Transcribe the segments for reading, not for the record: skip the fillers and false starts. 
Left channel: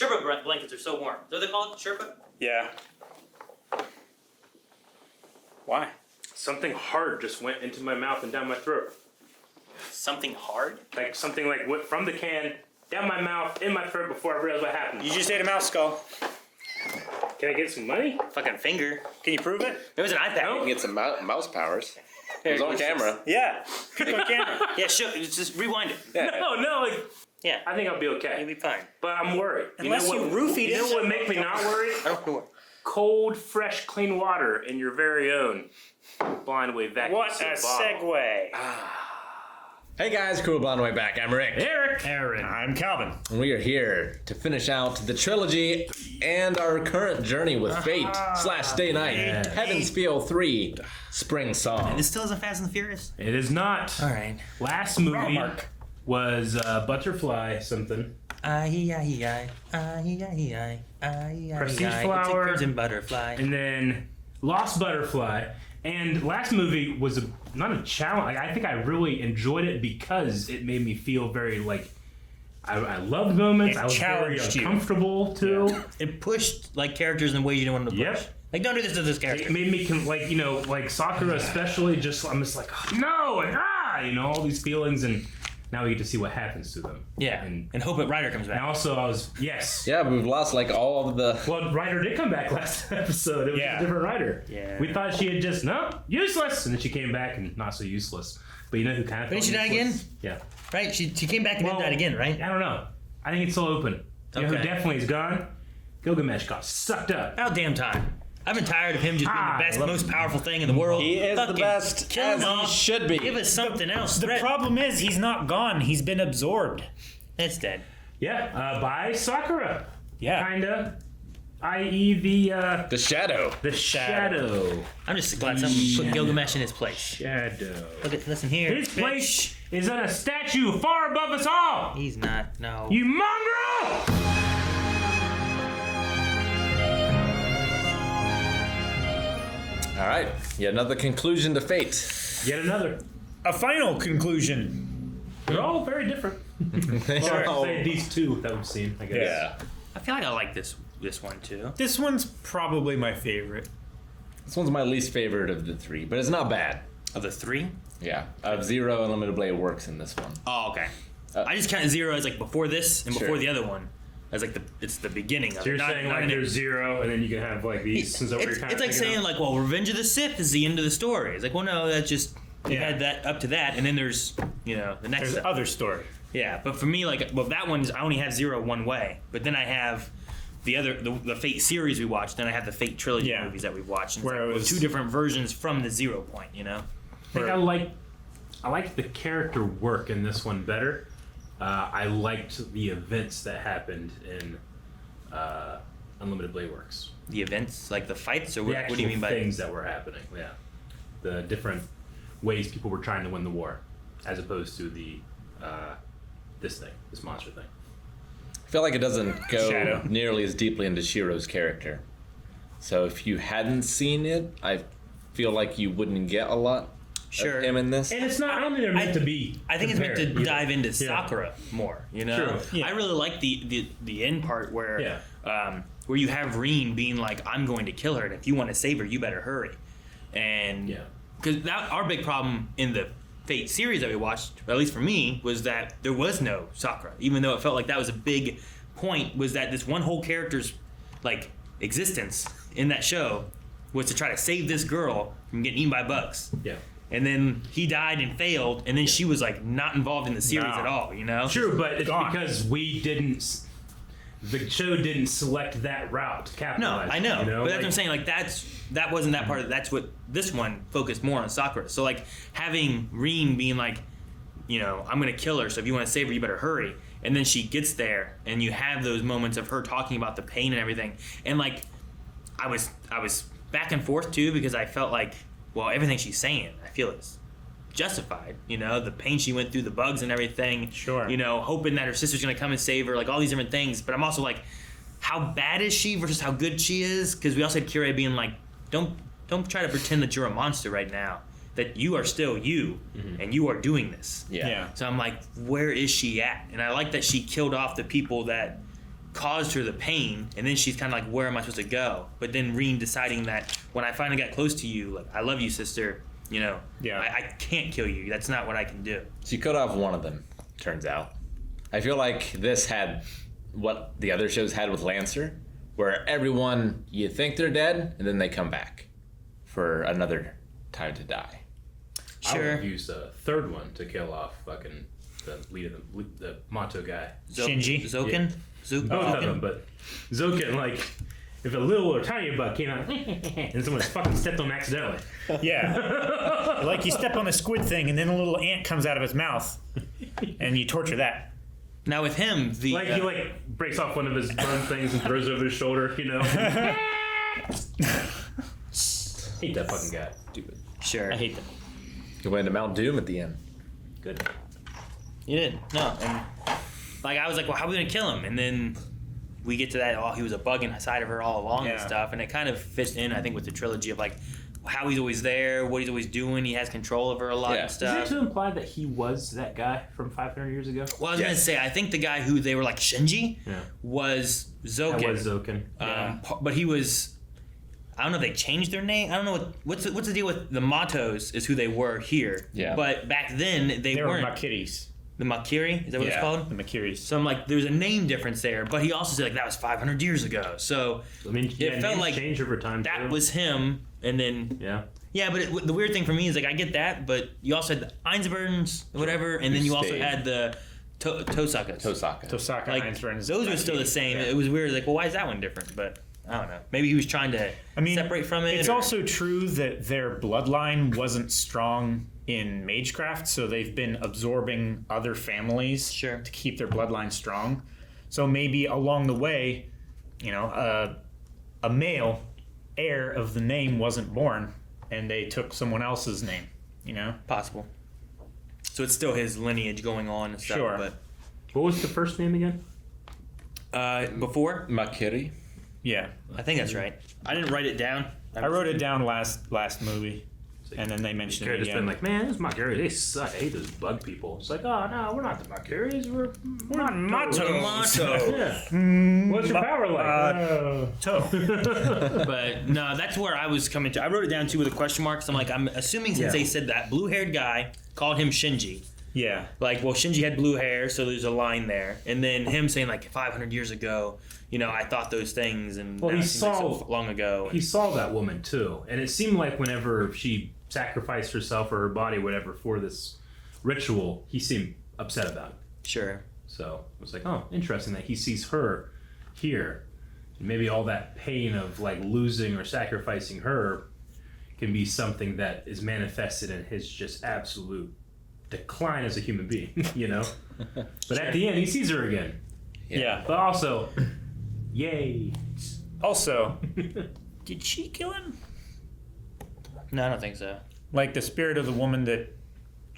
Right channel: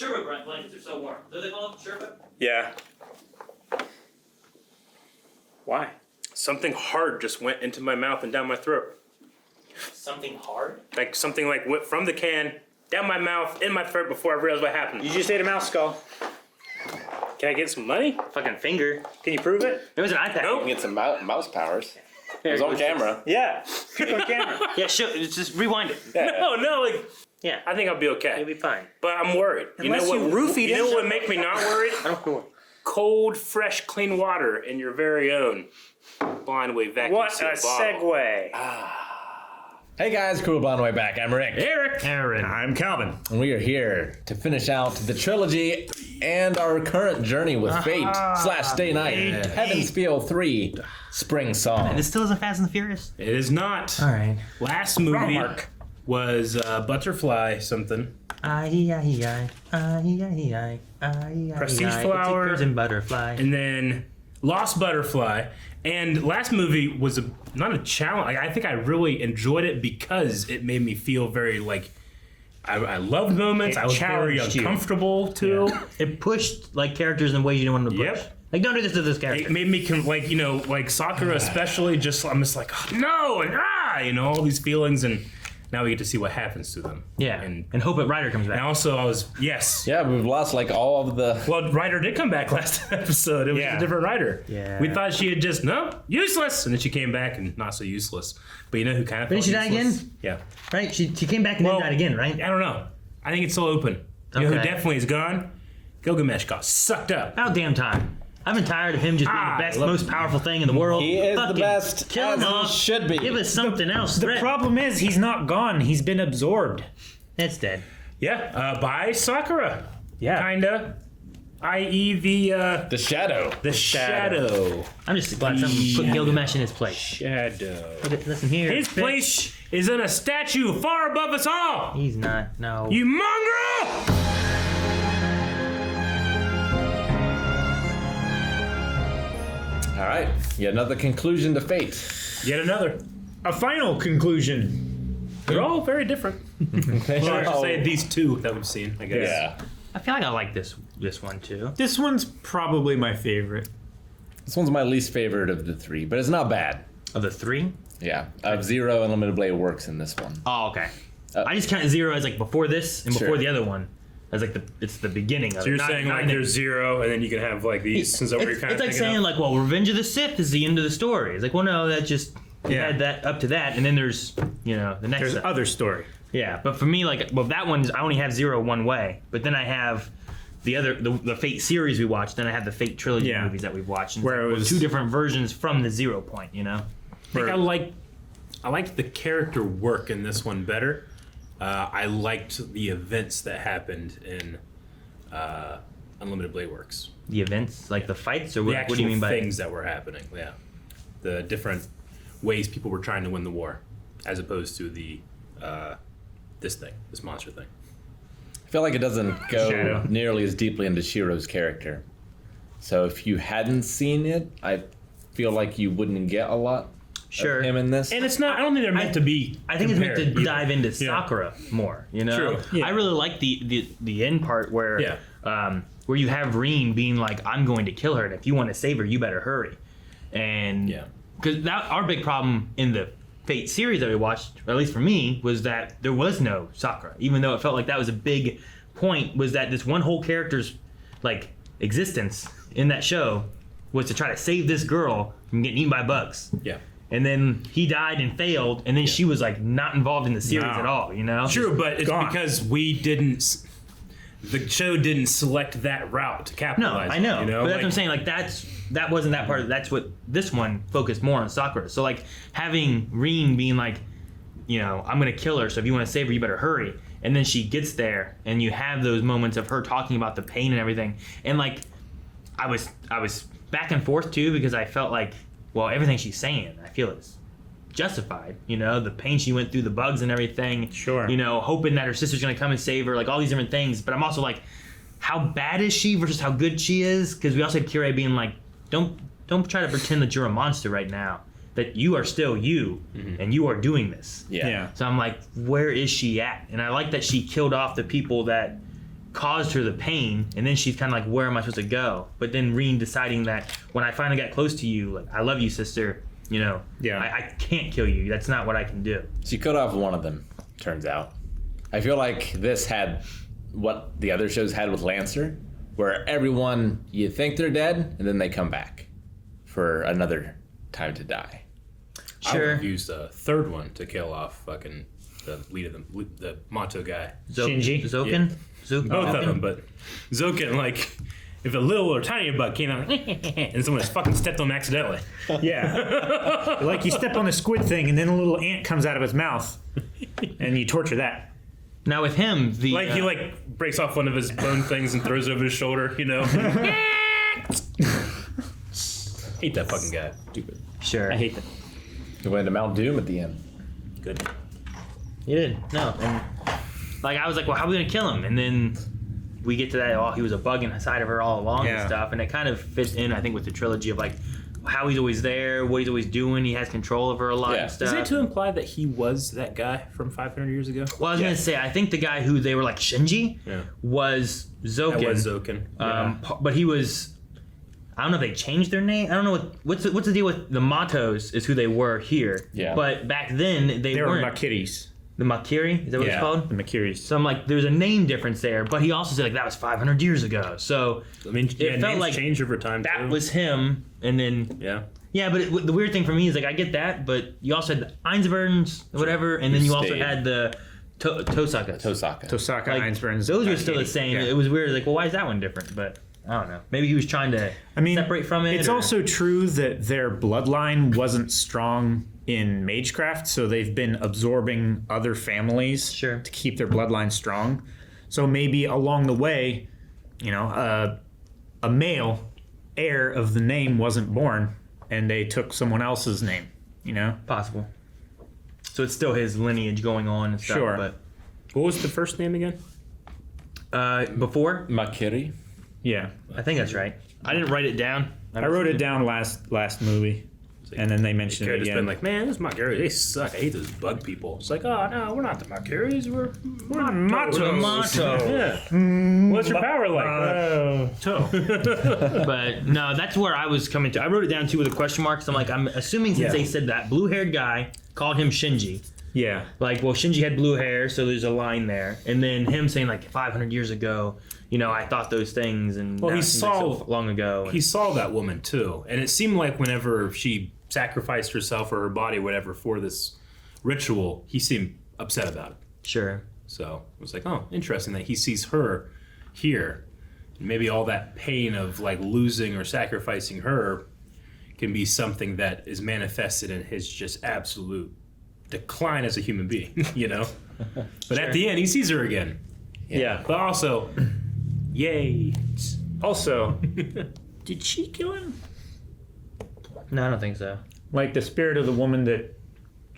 Sherpa blankets are so warm. Is that what they call it? Sherpa? Yeah. Why? Something hard just went into my mouth and down my throat. Something hard? Like something like went from the can, down my mouth, in my throat before I realized what happened. You just ate a mouse skull. Can I get some money? Fucking finger. Can you prove it? It was an iPad. Nope. You can get some mouse powers. It was on camera. Yeah. Put it on camera. Yeah, sure. Just rewind it. No, like Yeah. I think I'll be okay. You'll be fine. But I'm worried. Unless you roofie You know it. what would make me not worried? Cold, fresh, clean water in your very own blind wave vacuum What seal a bottle. segue. Hey guys, cool blonde way back. I'm Rick. Eric. Aaron. I'm Calvin. And we are here to finish out the trilogy and our current journey with Fate / Day Night. Heaven's Feel 3 Spring Song. And this still isn't Fast and the Furious? It is not. All right. Last movie Mark. was Butterfly something. Prestige Flower. And Butterfly. And then Lost Butterfly. And last movie was not a challenge. I think I really enjoyed it because it made me feel very like I loved moments. It I was very challenged you. uncomfortable too. It pushed like characters in ways you didn't want to push. Yep. Like, don't do this to this character. It made me like Sakura especially. I'm just like, oh, no, and all these feelings, and now we get to see what happens to them. Yeah. and hope that Ryder comes back. also I was Yeah, we've lost like all of the... Well, Ryder did come back last episode. It was a different Ryder. Yeah. We thought she had just useless, and then she came back and not so useless. But you know who kind of? Didn't she die useless? again? Yeah. Right? She came back and then died again, right? I don't know. I think it's still open. You know who Okay. definitely is gone? Gilgamesh got sucked up. About damn time. I've been tired of him just being the best, most powerful thing in the world. He is the Fucking best, kill as him he off. should be. Give us something else. The problem is he's not gone. He's been absorbed. That's dead. Yeah, by Sakura. Yeah. Kinda. I.e. The Shadow. the shadow. I'm just glad someone put Gilgamesh in his place. Shadow. Look at listen here. His bitch. place is in a statue far above us all. He's not. No. You mongrel! All right, yet another conclusion to Fate. Yet another. A final conclusion. They're all very different. They Or I are should all- say these two that we've seen, I guess. Yeah. I feel like I like this one too. This one's probably my favorite. This one's my least favorite of the three, but it's not bad. Of the three? Yeah, Zero Unlimited Blade works in this one. Oh, okay. I just count zero as like before this and before Sure. the other one. As like it's the beginning of So it. you're Not- saying not like in there's zero, and then you can have like these. Is that what you're it's kind of like thinking saying of? like, well, Revenge of the Sith is the end of the story. It's like, well, no, that just it had that up to that, and then there's the next There's stuff. other story. Yeah, but for me, like, well, that one's I only have zero one way, but then I have the Fate series we watched, then I have the Fate trilogy movies that we've watched, and it's Where like, it was- two different versions from the 0 point. I think I liked the character work in this one better. I liked the events that happened in Unlimited Blade Works. The events, like the fights, or The what, actual what do you mean by things that were happening. Yeah, the different ways people were trying to win the war, as opposed to the this monster thing. I feel like it doesn't go Shadow. nearly as deeply into Shiro's character. So if you hadn't seen it, I feel like you wouldn't get a lot Sure. of him in this. And it's not. I don't think they're meant to be. I think it's meant to compared, dive into Yeah. Sakura more. True. Yeah. I really like the end part where where you have Reen being like, "I'm going to kill her, and if you want to save her, you better hurry." And because that our big problem in the Fate series that we watched, or at least for me, was that there was no Sakura, even though it felt like that was a big point. Was that this one whole character's like existence in that show was to try to save this girl from getting eaten by bugs. Yeah. And then he died and failed, and then she was like not involved in the series at all, True, but it's Gone. because we didn't. The show didn't select that route to No, capitalize. I know. on, But that's what I'm saying. Like that wasn't that part. That's what this one focused more on Sakura. So like having Reen being like, I'm gonna kill her. So if you want to save her, you better hurry. And then she gets there, and you have those moments of her talking about the pain and everything. And like, I was back and forth too, because I felt like, well, everything she's saying, I feel it's justified. The pain she went through, the bugs and everything. Sure. Hoping that her sister's gonna come and save her, like all these different things. But I'm also like, how bad is she versus how good she is? Because we also had Kirei being like, don't try to pretend that you're a monster right now. That you are still you, and you are doing this. Yeah. So I'm like, where is she at? And I like that she killed off the people that caused her the pain, and then she's kind of like, where am I supposed to go? But then Reen deciding that when I finally got close to you, like, I love you, sister. You know, I can't kill you. That's not what I can do. She cut off one of them, turns out. I feel like this had what the other shows had with Lancer, where everyone, you think they're dead, and then they come back for another time to die. I would Sure. have used a third one to kill off fucking the lead of the Mato guy. Shinji? Zoken? Both of them, but Zoken, like, if a little or tiny bug came out and someone fucking stepped on him accidentally. Yeah. Like you step on a squid thing and then a little ant comes out of his mouth and you torture that. Now with him, the Like, he, like, breaks off one of his bone things and throws it over his shoulder, you know? Hate that fucking guy. Stupid. sure. I hate that. He went to Mount Doom at the end. Good. You did. No. And, like, I was like, well, how are we going to kill him? And then we get to that, oh, he was a bug inside of her all along and Yeah. stuff. And it kind of fits in, I think, with the trilogy of, like, how he's always there, what he's always doing. He has control over a lot Yeah. of Is stuff. it to imply that he was that guy from 500 years ago? Well, I was going to say, I think the guy who they were like Shinji Yeah. was Zoken. That was Zoken. But he was... I don't know if they changed their name. I don't know what's the deal with the Matos is who they were here. Yeah. But back then they They were weren't. Makiris. The Makiri? Is that what it's called? The Makiris. So I'm like, there's a name difference there. But he also said like that was 500 years ago. So I mean, it felt names like change over time. that too. was him. And then Yeah. but the weird thing for me is like I get that, but you also had the Einsberns or whatever, and then you also Stayed. had the Tosakas. Tosaka, Like, Einsberns. those are still the same. Yeah. It was weird. Like, well, why is that one different? But I don't know. Maybe he was trying to separate from it. It's or- also true that their bloodline wasn't strong in Magecraft, so they've been absorbing other families Sure. to keep their bloodline strong. So maybe along the way, you know, a male heir of the name wasn't born, and they took someone else's name. You know, possible. So it's still his lineage going on and stuff. Sure. What was the first name again? But before, Makiri? yeah. I think that's right. I didn't write it down. I wrote it down last movie, and then they mentioned Could it have just been again. like, man, those Makiris, they suck. I hate those bug people. It's like, oh, no, we're not the Makiris. We're Matos. Yeah. What's your power like? But no, that's where I was coming to. I wrote it down too with a question mark. So I'm like, I'm assuming since they said that blue-haired guy called him Shinji. Yeah. Like, well, Shinji had blue hair, so there's a line there. And then him saying like 500 years ago, you know, I thought those things, and Well, now he it seems like saw- so long ago. He saw that woman too, and it seemed like whenever she sacrificed herself or her body, whatever, for this ritual, he seemed upset about it. Sure. So it was like, oh, interesting that he sees her here. And maybe all that pain of like losing or sacrificing her can be something that is manifested in his just absolute decline as a human being, you know? But at the end, he sees her again. Yeah. But also, yay. Also, did she kill him? No, I don't think so. Like the spirit of the woman that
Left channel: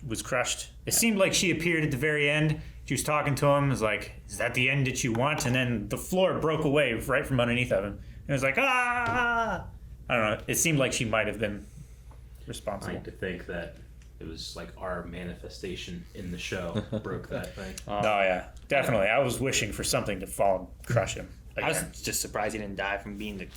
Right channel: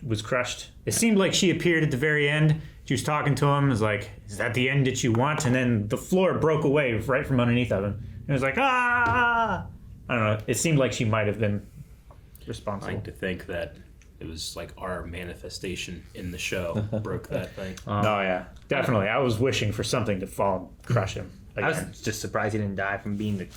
was crushed. It seemed like she appeared at the very end. She was talking to him. Was like, "Is that the end that you want?" And then the floor broke away right from underneath of him. It was like, ah! I don't know. It seemed like she might have been I responsible. like to think that it was like our manifestation in the show broke that thing. Oh yeah, definitely. I was wishing for something to fall, and crush him. I was again. just surprised he didn't die from being the.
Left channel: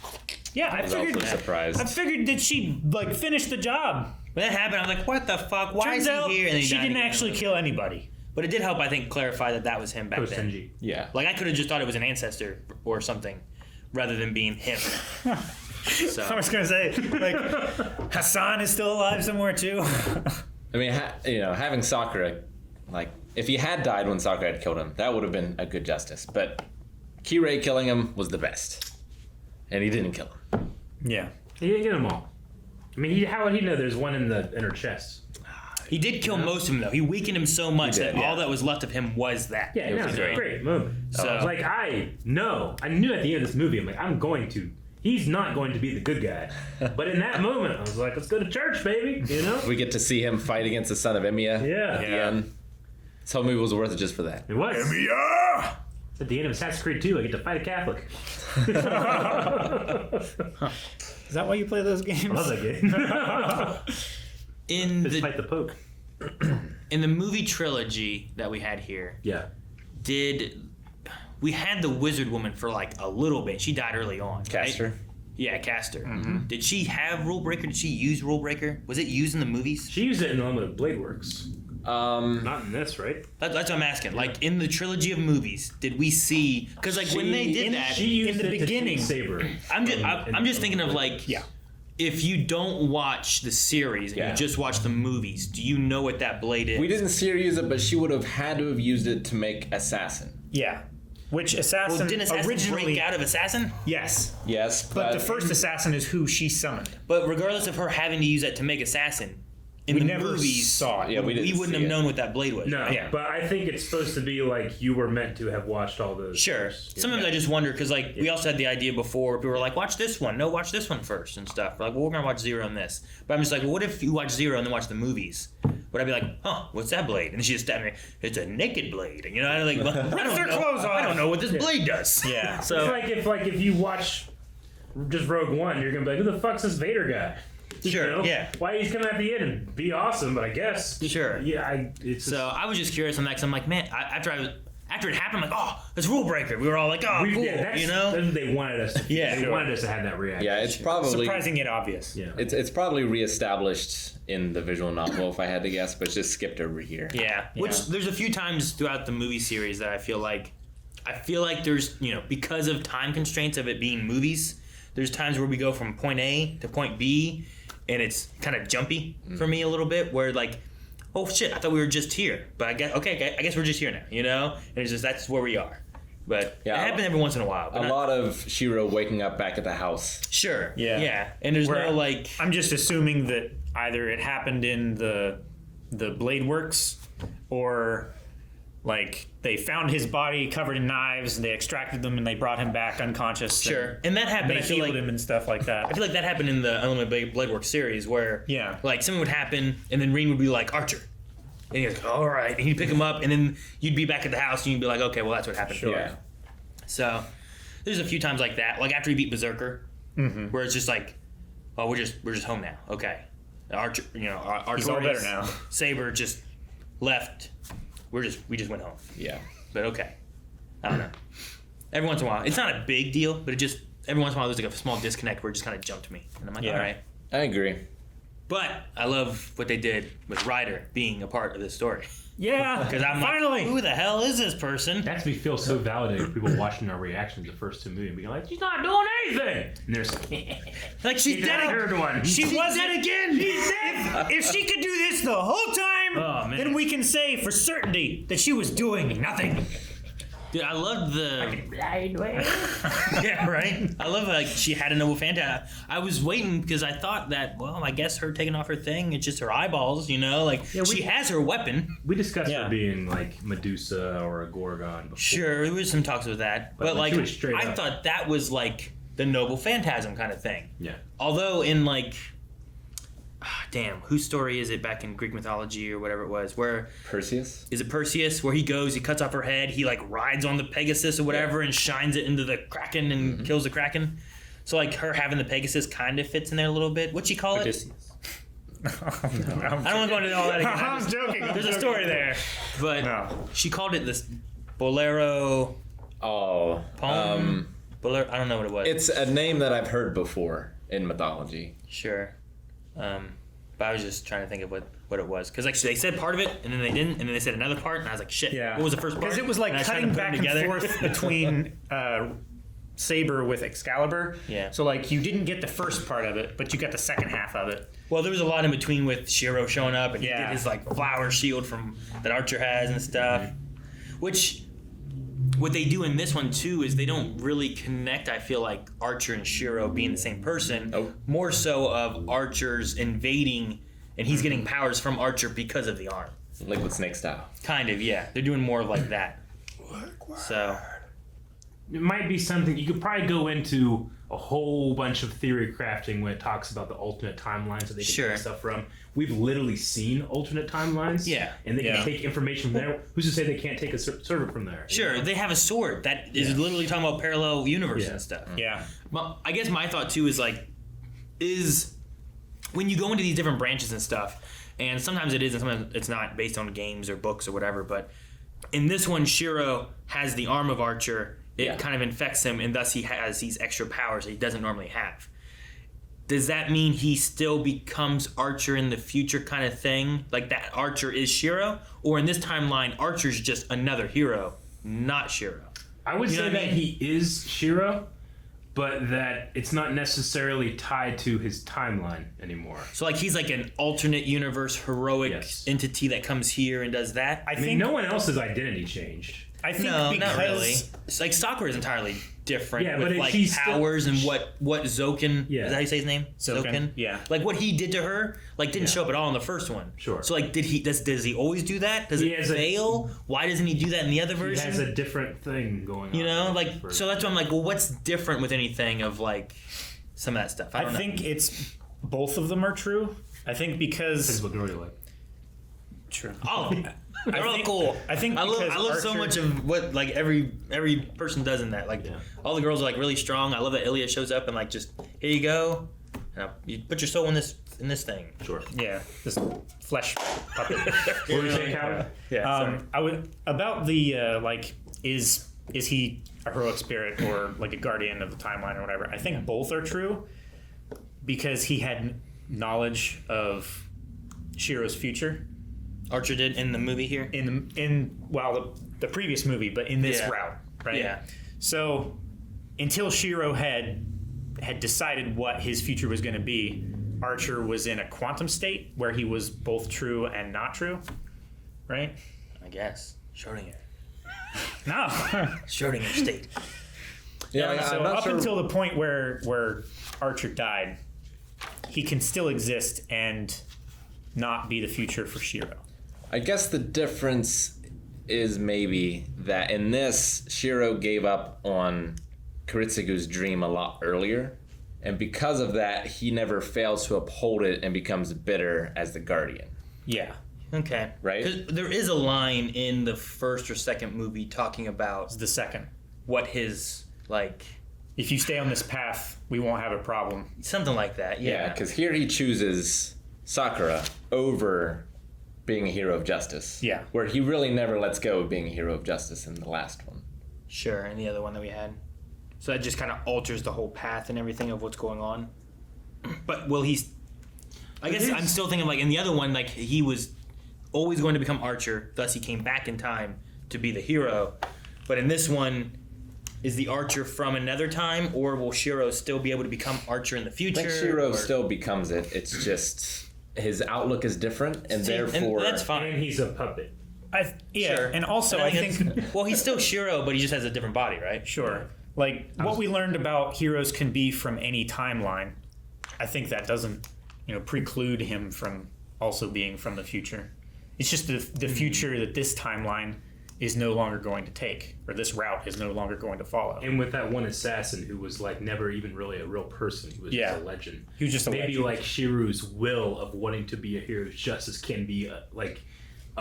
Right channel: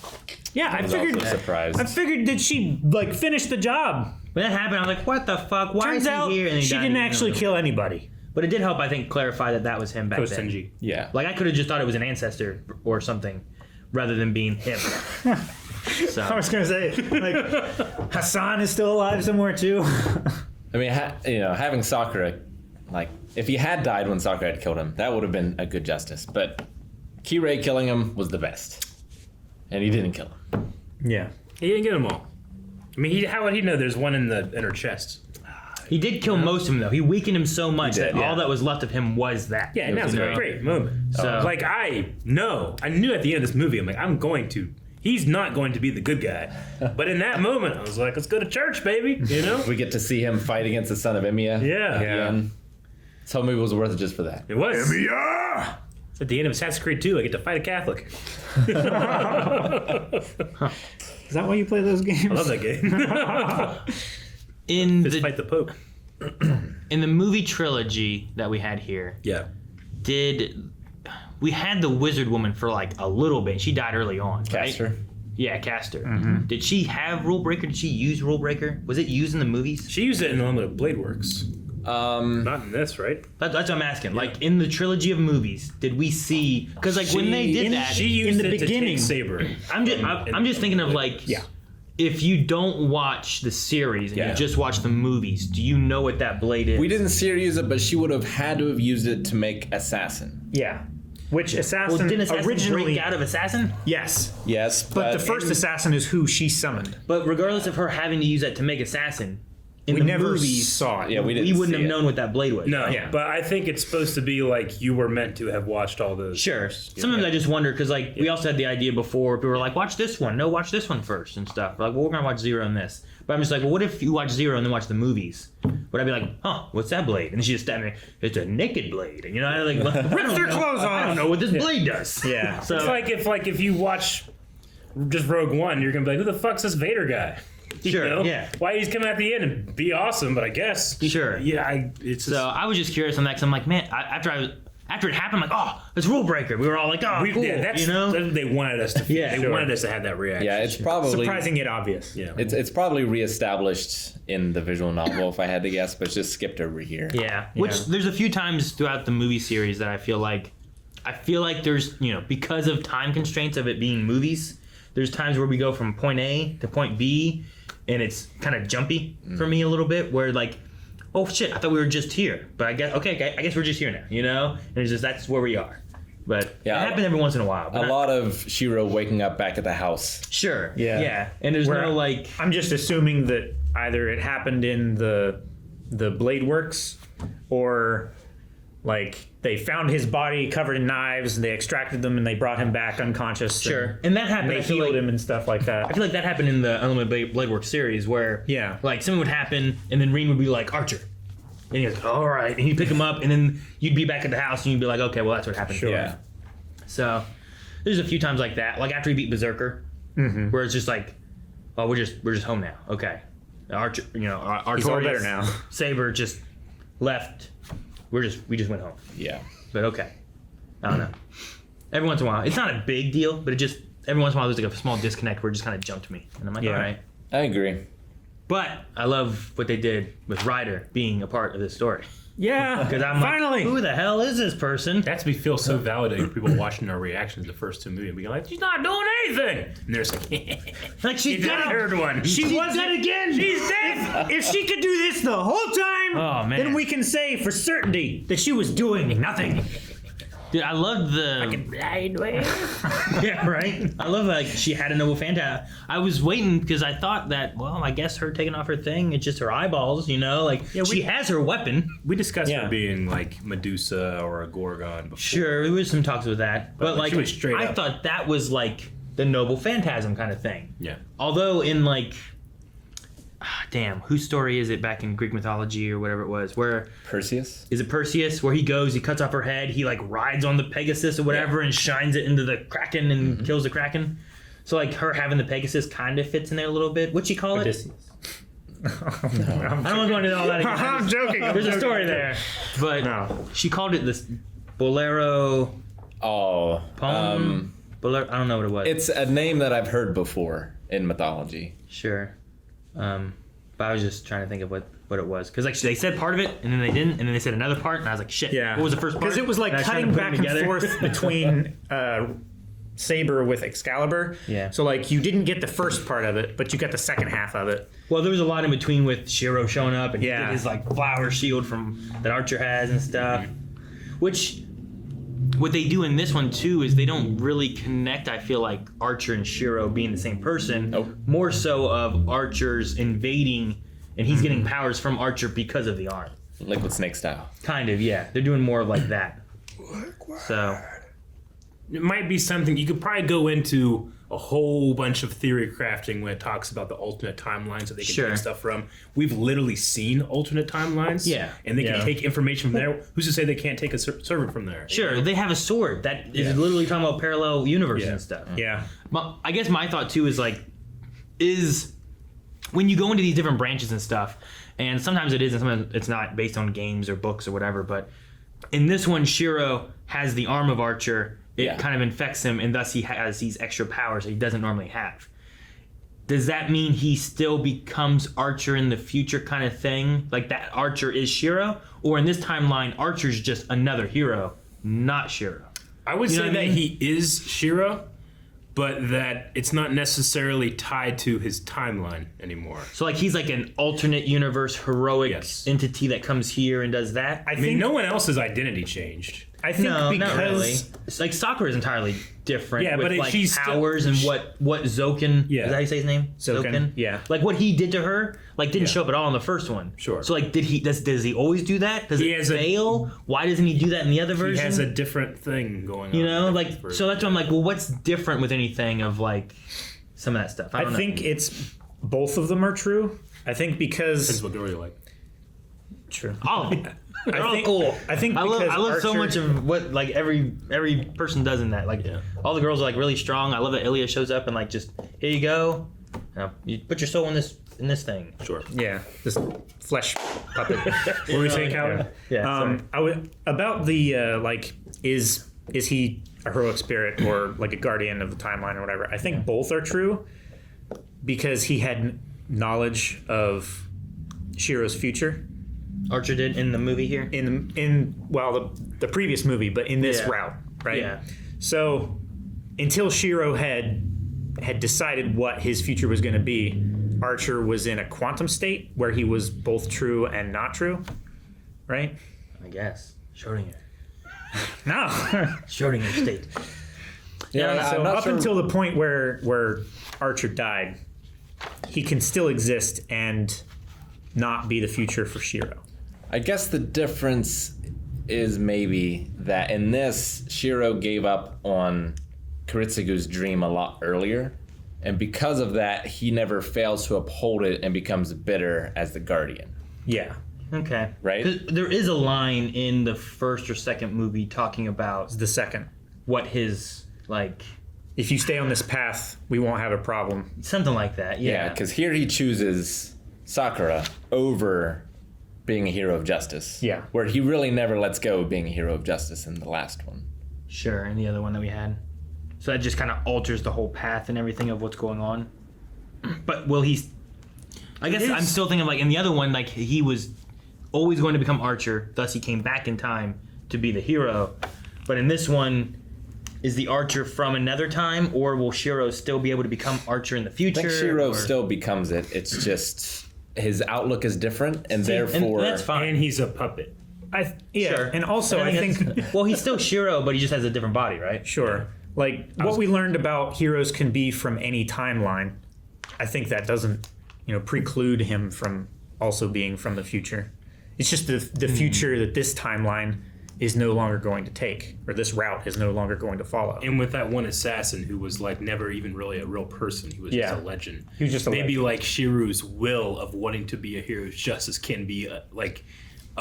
Yeah, I was figured. also surprised. I figured that she like finish the job. When that happened, I was like, "What the fuck? Why Turns is he out here?" And he she died didn't again. actually kill anybody. But it did help, I think, clarify that was him back Coach then. Tenji. Yeah. Like I could have just thought it was an ancestor or something, rather than being him. So I was gonna say, like, Hassan is still alive somewhere too. I mean, having Sakura, like, if he had died when Sakura had killed him, that would have been a good justice. But Kirei killing him was the best. And he didn't kill him. Yeah. He didn't get them all. I mean, how would he know there's one in her chest? he did kill most of him, though. He weakened him so much He did, that yeah. all that was left of him was that. Yeah, that was You a know? great moment. So- Like, I knew at the end of this movie, I'm like, he's not going to be the good guy. But in that moment, I was like, let's go to church, baby, you know? We get to see him fight against the son of Emiya. Yeah. Again. This whole movie was worth it just for that. It was. Yeah. It's at the end of Assassin's Creed 2, I get to fight a Catholic. Is that why you play those games? I love that game. In Just the fight the Pope. in the movie trilogy that we had here, Yeah. we had the wizard woman for like a little bit. She died early on. Castor. Right? Yeah, Castor. Did she have Rule Breaker? Did she use Rule Breaker? Was it used in the movies? She used it in the Blade Works. Not in this, right? That's what I'm asking. Like in the trilogy of movies, did we see? Because like when they did that, she used in the it beginning. to take Saber. I'm just thinking of like, if you don't watch the series and you just watch the movies, do you know what that blade is? We didn't see her use it, but she would have had to have used it to make Assassin. Yeah. Which Assassin, Well, didn't Assassin originally... break out of Assassin? Yes. Yes, But the first Assassin is who she summoned. But regardless of her having to use that to make Assassin, in We the never movies, saw it. Yeah, we didn't wouldn't see have it. known what that blade was. No, Yeah. but I think it's supposed to be like you were meant to have watched all those. Sure. Sometimes I just wonder because like we also had the idea before people were like, watch this one. No, watch this one first and stuff. Like, well, we're gonna watch Zero and this. But I'm just like, well, what if you watch Zero and then watch the movies? Would I be like, huh, what's that blade? And she's just standing there. It's a naked blade. And, you know, I like, well, I don't their know. clothes I off. don't know what this blade does. Yeah. So It's like if you watch just Rogue One, you're gonna be like, who the fuck's this Vader guy? Sure, You know? yeah. Why he's coming at the end and be awesome? But I guess Sure. Yeah, it's So I was just curious on that because I'm like, man, after it happened, I'm like, oh, it's Rule Breaker. We were all like, oh, cool. that's, You know? they wanted us to. Yeah, they sure. wanted us to have that reaction. Yeah, it's probably Surprising yet obvious. Yeah. it's probably reestablished in the visual novel if I had to guess, but it's just skipped over here. Yeah. Which there's a few times throughout the movie series that I feel like there's, you know, because of time constraints of it being movies, there's times where we go from point A to point B and it's kind of jumpy for me a little bit where like, oh shit, I thought we were just here. But I guess we're just here now, you know? And it's just that's where we are. But Yeah, it happens every once in a while. But A lot of Shiro waking up back at the house. Sure. Yeah. Yeah. And there's Where no like I'm just assuming that either it happened in the Blade Works or like they found his body covered in knives and they extracted them and they brought him back unconscious. sure. And that happened. And I they feel healed like him and stuff like I that. feel like that happened in the Unlimited Blade Works series where Yeah. like something would happen and then Reen would be like, Archer. And he was like, all right. And he'd pick him up and then you'd be back at the house and you'd be like, okay, well, that's what happened. Sure. Yeah. So there's a few times like that. Like after he beat Berserker, where it's just like, oh, we're just home now. Okay. Archer, you know, He's all Artorias, there now. Saber just left. We just went home. Yeah. But okay. I don't know. Every once in a while. It's not a big deal, but it just, every once in a while there's like a small disconnect where it just kind of jumped me. And I'm like, Yeah. all right. I agree. But I love what they did with Ryder being a part of this story. Yeah. Because I'm finally. like, who the hell is this person? That's me feel so validated. People watching our reactions the first two movies, being like, she's not doing anything. And there's Like she the did it. third one. She She was did again. She's dead. If she could do this the whole time, Oh, man. then we can say for certainty that she was doing nothing. Dude, I loved the. Yeah, right. I love like she had a noble Fanta. I was waiting because I thought that, well, I guess her taking off her thing, it's just her eyeballs, you know. Like she has her weapon. We discussed Yeah. her being like Medusa or a Gorgon before. Sure, there was some talks with that, but But like she was straight I up. thought that was like the noble phantasm kind of thing. Yeah. Although in like, damn, whose story is it back in Greek mythology or whatever it was? Where Perseus? is it Perseus? Where he goes, he cuts off her head, he like rides on the Pegasus or whatever, and shines it into the Kraken and kills the Kraken. So like her having the Pegasus kind of fits in there a little bit. What'd she call it? Odysseus. I don't want to go into all that again. I'm joking. There's a story there, but No. she called it this Bolero Oh. poem. Bolero, I don't know what it was. It's a name that I've heard before in mythology. Sure. But I was just trying to think of what it was. Because like they said part of it, and then they didn't, and then they said another part, and I was like, shit, Yeah. what was the first part? Because it was like And I was trying cutting to put back them and together. forth between Saber with Excalibur. Yeah. So like you didn't get the first part of it, but you got the second half of it. Well, there was a lot in between with Shiro showing up, and he Yeah. did his like flower shield from that Archer has and stuff. Which, what they do in this one too is they don't really connect. I feel like Archer and Shiro being the same person. Nope. More so of Archer's invading, and he's getting powers from Archer because of the arm. Liquid Snake style. Kind of, yeah. They're doing more like that. So. It might be something you could probably go into a whole bunch of theory crafting when it talks about the alternate timelines that they can Sure. take stuff from. We've literally seen alternate timelines. Yeah. And they Yeah. can take information from there. Who's to say they can't take a servant from there? Sure, they have a sword that is literally talking about parallel universes Yeah. and stuff. Yeah. I guess my thought too is like, is when you go into these different branches and stuff, and sometimes it is and sometimes it's not based on games or books or whatever, but in this one, Shiro has the arm of Archer. It Yeah. kind of infects him, and thus he has these extra powers that he doesn't normally have. Does that mean he still becomes Archer in the future kind of thing? Like that Archer is Shiro? Or in this timeline, Archer's just another hero, not Shiro? I would You know say what I that mean? he is Shiro, but that it's not necessarily tied to his timeline anymore. So like he's like an alternate universe heroic Yes. entity that comes here and does that? I I mean, think no one else's identity changed. I think No, because not really. It's like Sakura is entirely different Yeah, with but like she's powers and what Zoken, Yeah. is that how you say his name? Zoken, yeah. Like what he did to her, like didn't Yeah. show up at all in the first one. Sure. So like does he always do that? Does He it has a- fail? Why doesn't he do that in the other He version? has a different thing going on. you know, like for- so that's why I'm like, well, what's different with anything of like some of that stuff? I I don't know. think it's both of them are true. I think This is because what girl you like. true. all of them. They're all think- cool. I think I love because so Archer- much of what like every person does in that. Like Yeah. all the girls are like really strong. I love that Ilya shows up and like just here you go. You put your soul in this thing. Sure. Yeah, this flesh puppet. What were we saying, Calvin? Yeah. I would about the like is he a heroic spirit or like a guardian of the timeline or whatever? I think both are true because he had knowledge of Shiro's future Archer did in the movie here. in the previous movie, but in this Yeah. route, right? Yeah. So until Shiro had decided what his future was going to be, Archer was in a quantum state where he was both true and not true, right? I guess Schrodinger. No. Schrodinger state. Yeah, So I'm not up sure. until the point where Archer died, he can still exist and not be the future for Shiro. I guess the difference is maybe that in this, Shiro gave up on Kiritsugu's dream a lot earlier, and because of that, he never fails to uphold it and becomes bitter as the guardian. Yeah. Okay. Right? 'Cause there is a line in the first or second movie talking about It's the second. what his like If you stay on this path, we won't have a problem. something like that. Yeah, Yeah. because here he chooses Sakura over being a hero of justice. Yeah. Where he really never lets go of being a hero of justice in the last one. Sure. And the other one that we had. So that just kind of alters the whole path and everything of what's going on. But will he? I guess I'm still thinking like in the other one, like he was always going to become Archer, thus he came back in time to be the hero. But in this one, is the Archer from another time, or will Shiro still be able to become Archer in the I future? think Shiro or- still becomes it. It's just his outlook is different, and See, therefore that's fine. And he's a puppet. Yeah, and also But I think it's- well, he's still Shiro, but he just has a different body, right? sure. Like what we learned about heroes can be from any timeline. I think that doesn't, preclude him from also being from the future. It's just the future that this timeline is no longer going to take, or this route is no longer going to follow. And with that one assassin who was like never even really a real person, he was Yeah. just a legend. He was just a Maybe legend. like Shiru's will of wanting to be a hero of justice can be a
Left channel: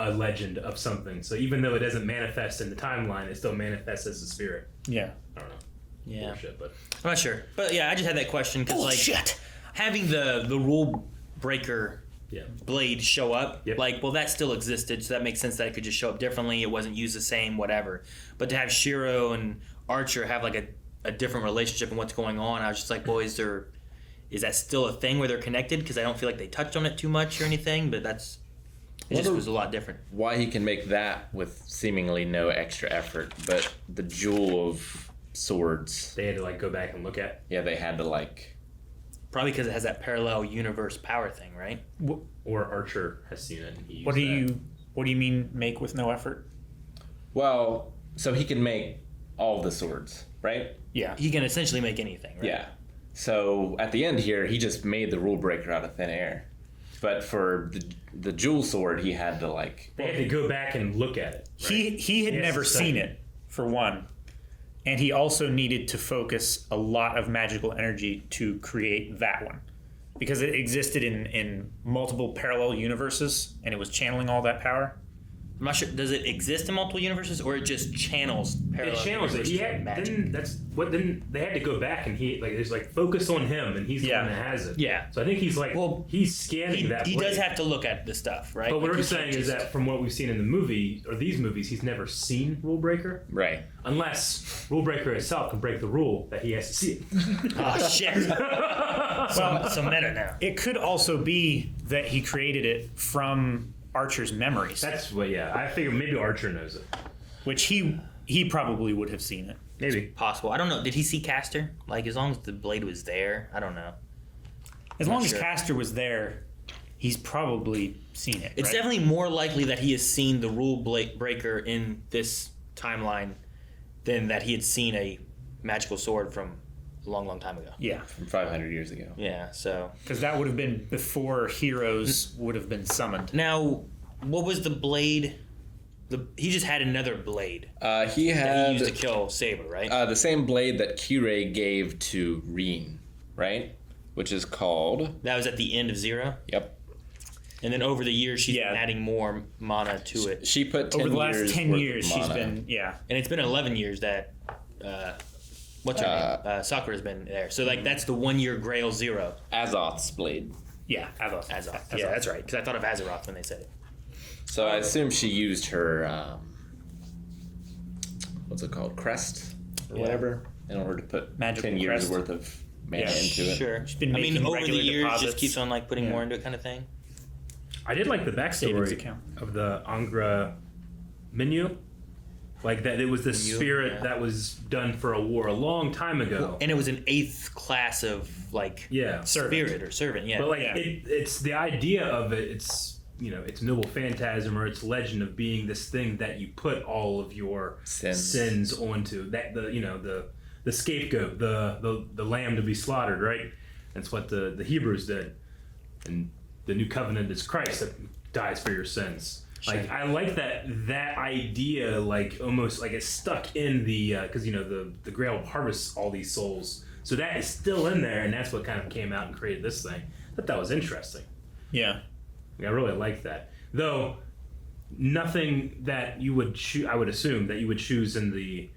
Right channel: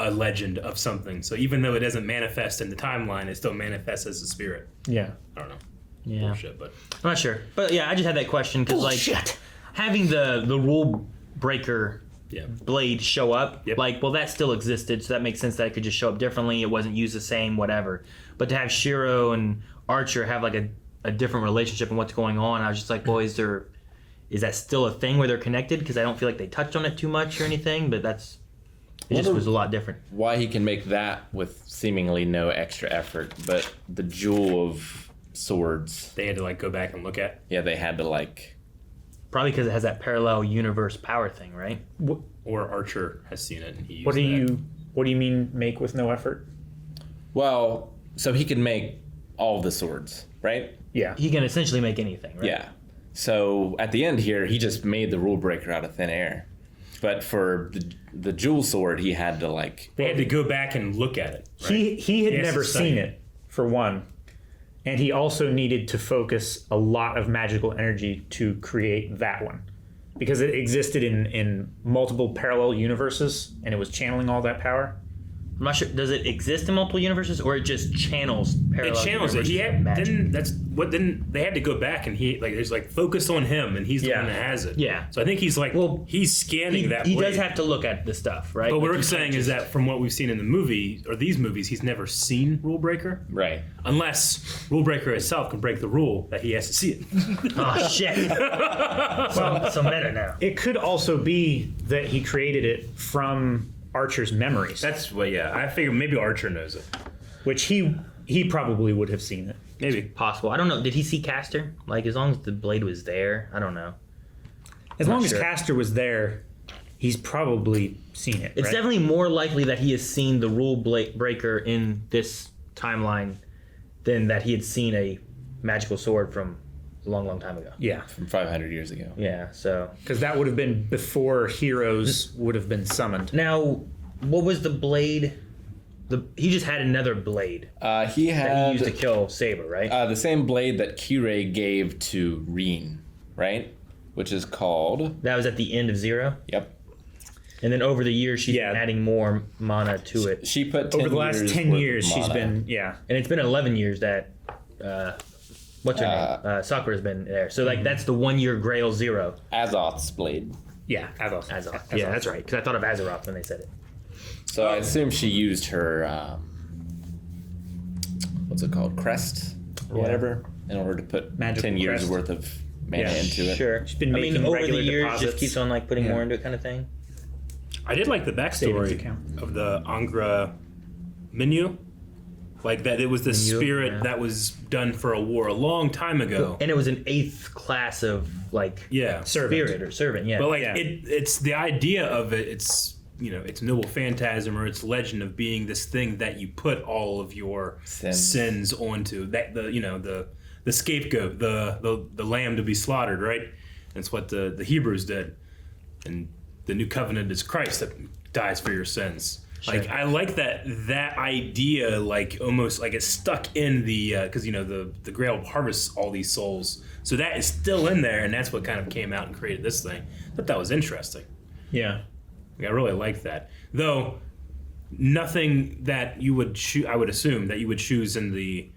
legend of something. So even though it doesn't manifest in the timeline, it still manifests as a spirit. Yeah. I don't know. Yeah. Bullshit, but I'm not sure, but yeah, I just had that question because like having the rule breaker yeah. blade show up, Yep. like, well, that still existed, so that makes sense that it could just show up differently. It wasn't used the same, whatever. But to have Shiro and Archer have like a different relationship and what's going on, I was just like, well, is that still a thing where they're connected? Because I don't feel like they touched on it too much or anything, but it just was a lot different. why he can make that with seemingly no extra effort, but the jewel of swords, They had to like go back and look at. yeah, they had to like. Probably because it has that parallel universe power thing, right? Or Archer has seen it and he used What do that. you mean make with no effort? Well, so he can make all the swords, right? Yeah. He can essentially make anything, right? Yeah. So at the end here, he just made the rule breaker out of thin air. But for the jewel sword, he had to like. They had to go back and look at it. Right? He had He has never to study seen it. it, for one. And he also needed to focus a lot of magical energy to create that one. Because it existed in multiple parallel universes and it was channeling all that power. I'm not sure. Does it exist in multiple universes, or it just channels parallel? It channels it. universes He magic? didn't they had to go back and he's like focus on him and he's the one that has it. Yeah. So I think he's like he's scanning that. He blade. does have to look at the stuff, right? But what Like, we're you saying can't is just- that from what we've seen in the movie or these movies, he's never seen Rule Breaker. Right. Unless Rule Breaker itself can break the rule that he has to see it. Oh shit! so meta now. It could also be that he created it from Archer's memories, That's what. Yeah, I figure maybe Archer knows it. which he probably would have seen it. Maybe. Possible. I don't know. Did he see Castor? Like, as long as the blade was there, I don't know. As Not long sure. as Castor was there, he's probably seen it. It's right? definitely more likely that he has seen the rule breaker in this timeline than that he had seen a magical sword from a long, long time ago. Yeah, From 500 years ago. Yeah. So because that would have been before heroes would have been summoned. now, what was the blade? He just had another blade He that he had used to kill Saber, right? the same blade that Kirei gave to Reen, right? Which is called. That was at the end of Zero, Yep. and then over the years she's Yeah. been adding more mana to it, She put 10 Over the last years 10 worth of years, she's mana. been and it's been 11 years that what's her name? Sakura's been there. So like that's the 1 year Grail Zero. Azoth's blade. Azoth. Yeah, that's right. Because I thought of Azeroth when they said it. So I assume she used her, what's it called, crest or whatever, in order to put Magical 10 years crest. worth of mana Yeah. into it. Sure. She's been I mean, making over the regular years, deposits. just keeps on like putting Yeah. more into it, kind of thing. I did like the Savings backstory account. of the Angra Menu. Like that it was the Menu, spirit yeah. that was done for a war a long time ago. And it was an 8th class of like Yeah. Servant. spirit or servant. Yeah. But like Yeah. it's the idea of it, it's it's noble phantasm or it's legend of being this thing that you put all of your sins onto. That the scapegoat, the lamb to be slaughtered, right? That's what the Hebrews did. And the new covenant is Christ that dies for your sins. Like I like that idea, like almost like it's stuck in the because the Grail harvests all these souls, so that is still in there, and that's what kind of came out and created this thing. I thought that was interesting. Yeah. I really liked that, though. Nothing that you would I would assume that you would choose in the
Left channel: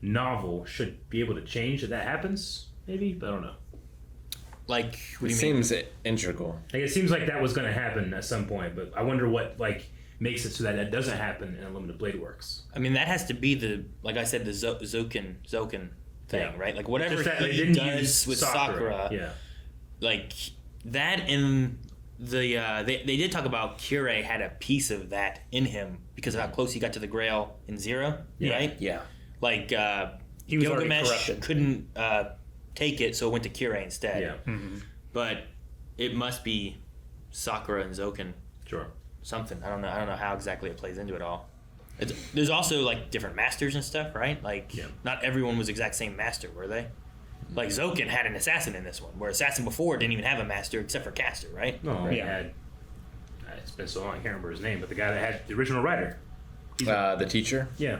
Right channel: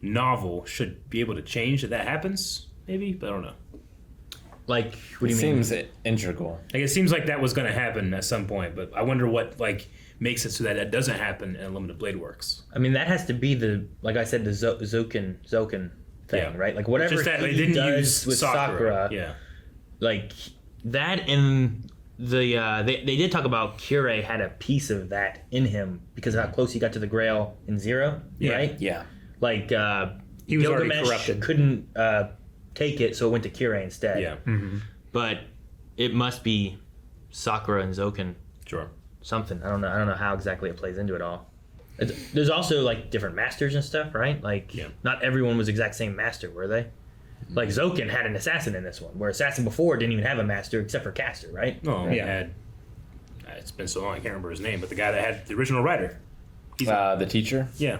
novel should be able to change if that happens. Maybe, but I don't know. like, what It do you mean? seems integral. Like it seems like that was going to happen at some point, but I wonder what like makes it so that doesn't happen in Unlimited Blade Works. I mean, that has to be like I said, the Zoken thing, Yeah. right? Like whatever Just that they he didn't does use with Sakura, Yeah. like that and the they did talk about Kirei had a piece of that in him because of how close he got to the Grail in Zero, Yeah. right? Yeah. Like He was already Gilgamesh corrupted. couldn't take it, so it went to Kirei instead. Yeah. But it must be Sakura and Zoken Sure. something. I don't know how exactly it plays into it all. There's also like different masters and stuff, right? Like not everyone was exact same master, were they? Like Zoken had an assassin in this one, where assassin before didn't even have a master except for Castor, right? Oh, he Yeah. had. It's been so long, I can't remember his name, but the guy that had the original writer. The teacher? Yeah.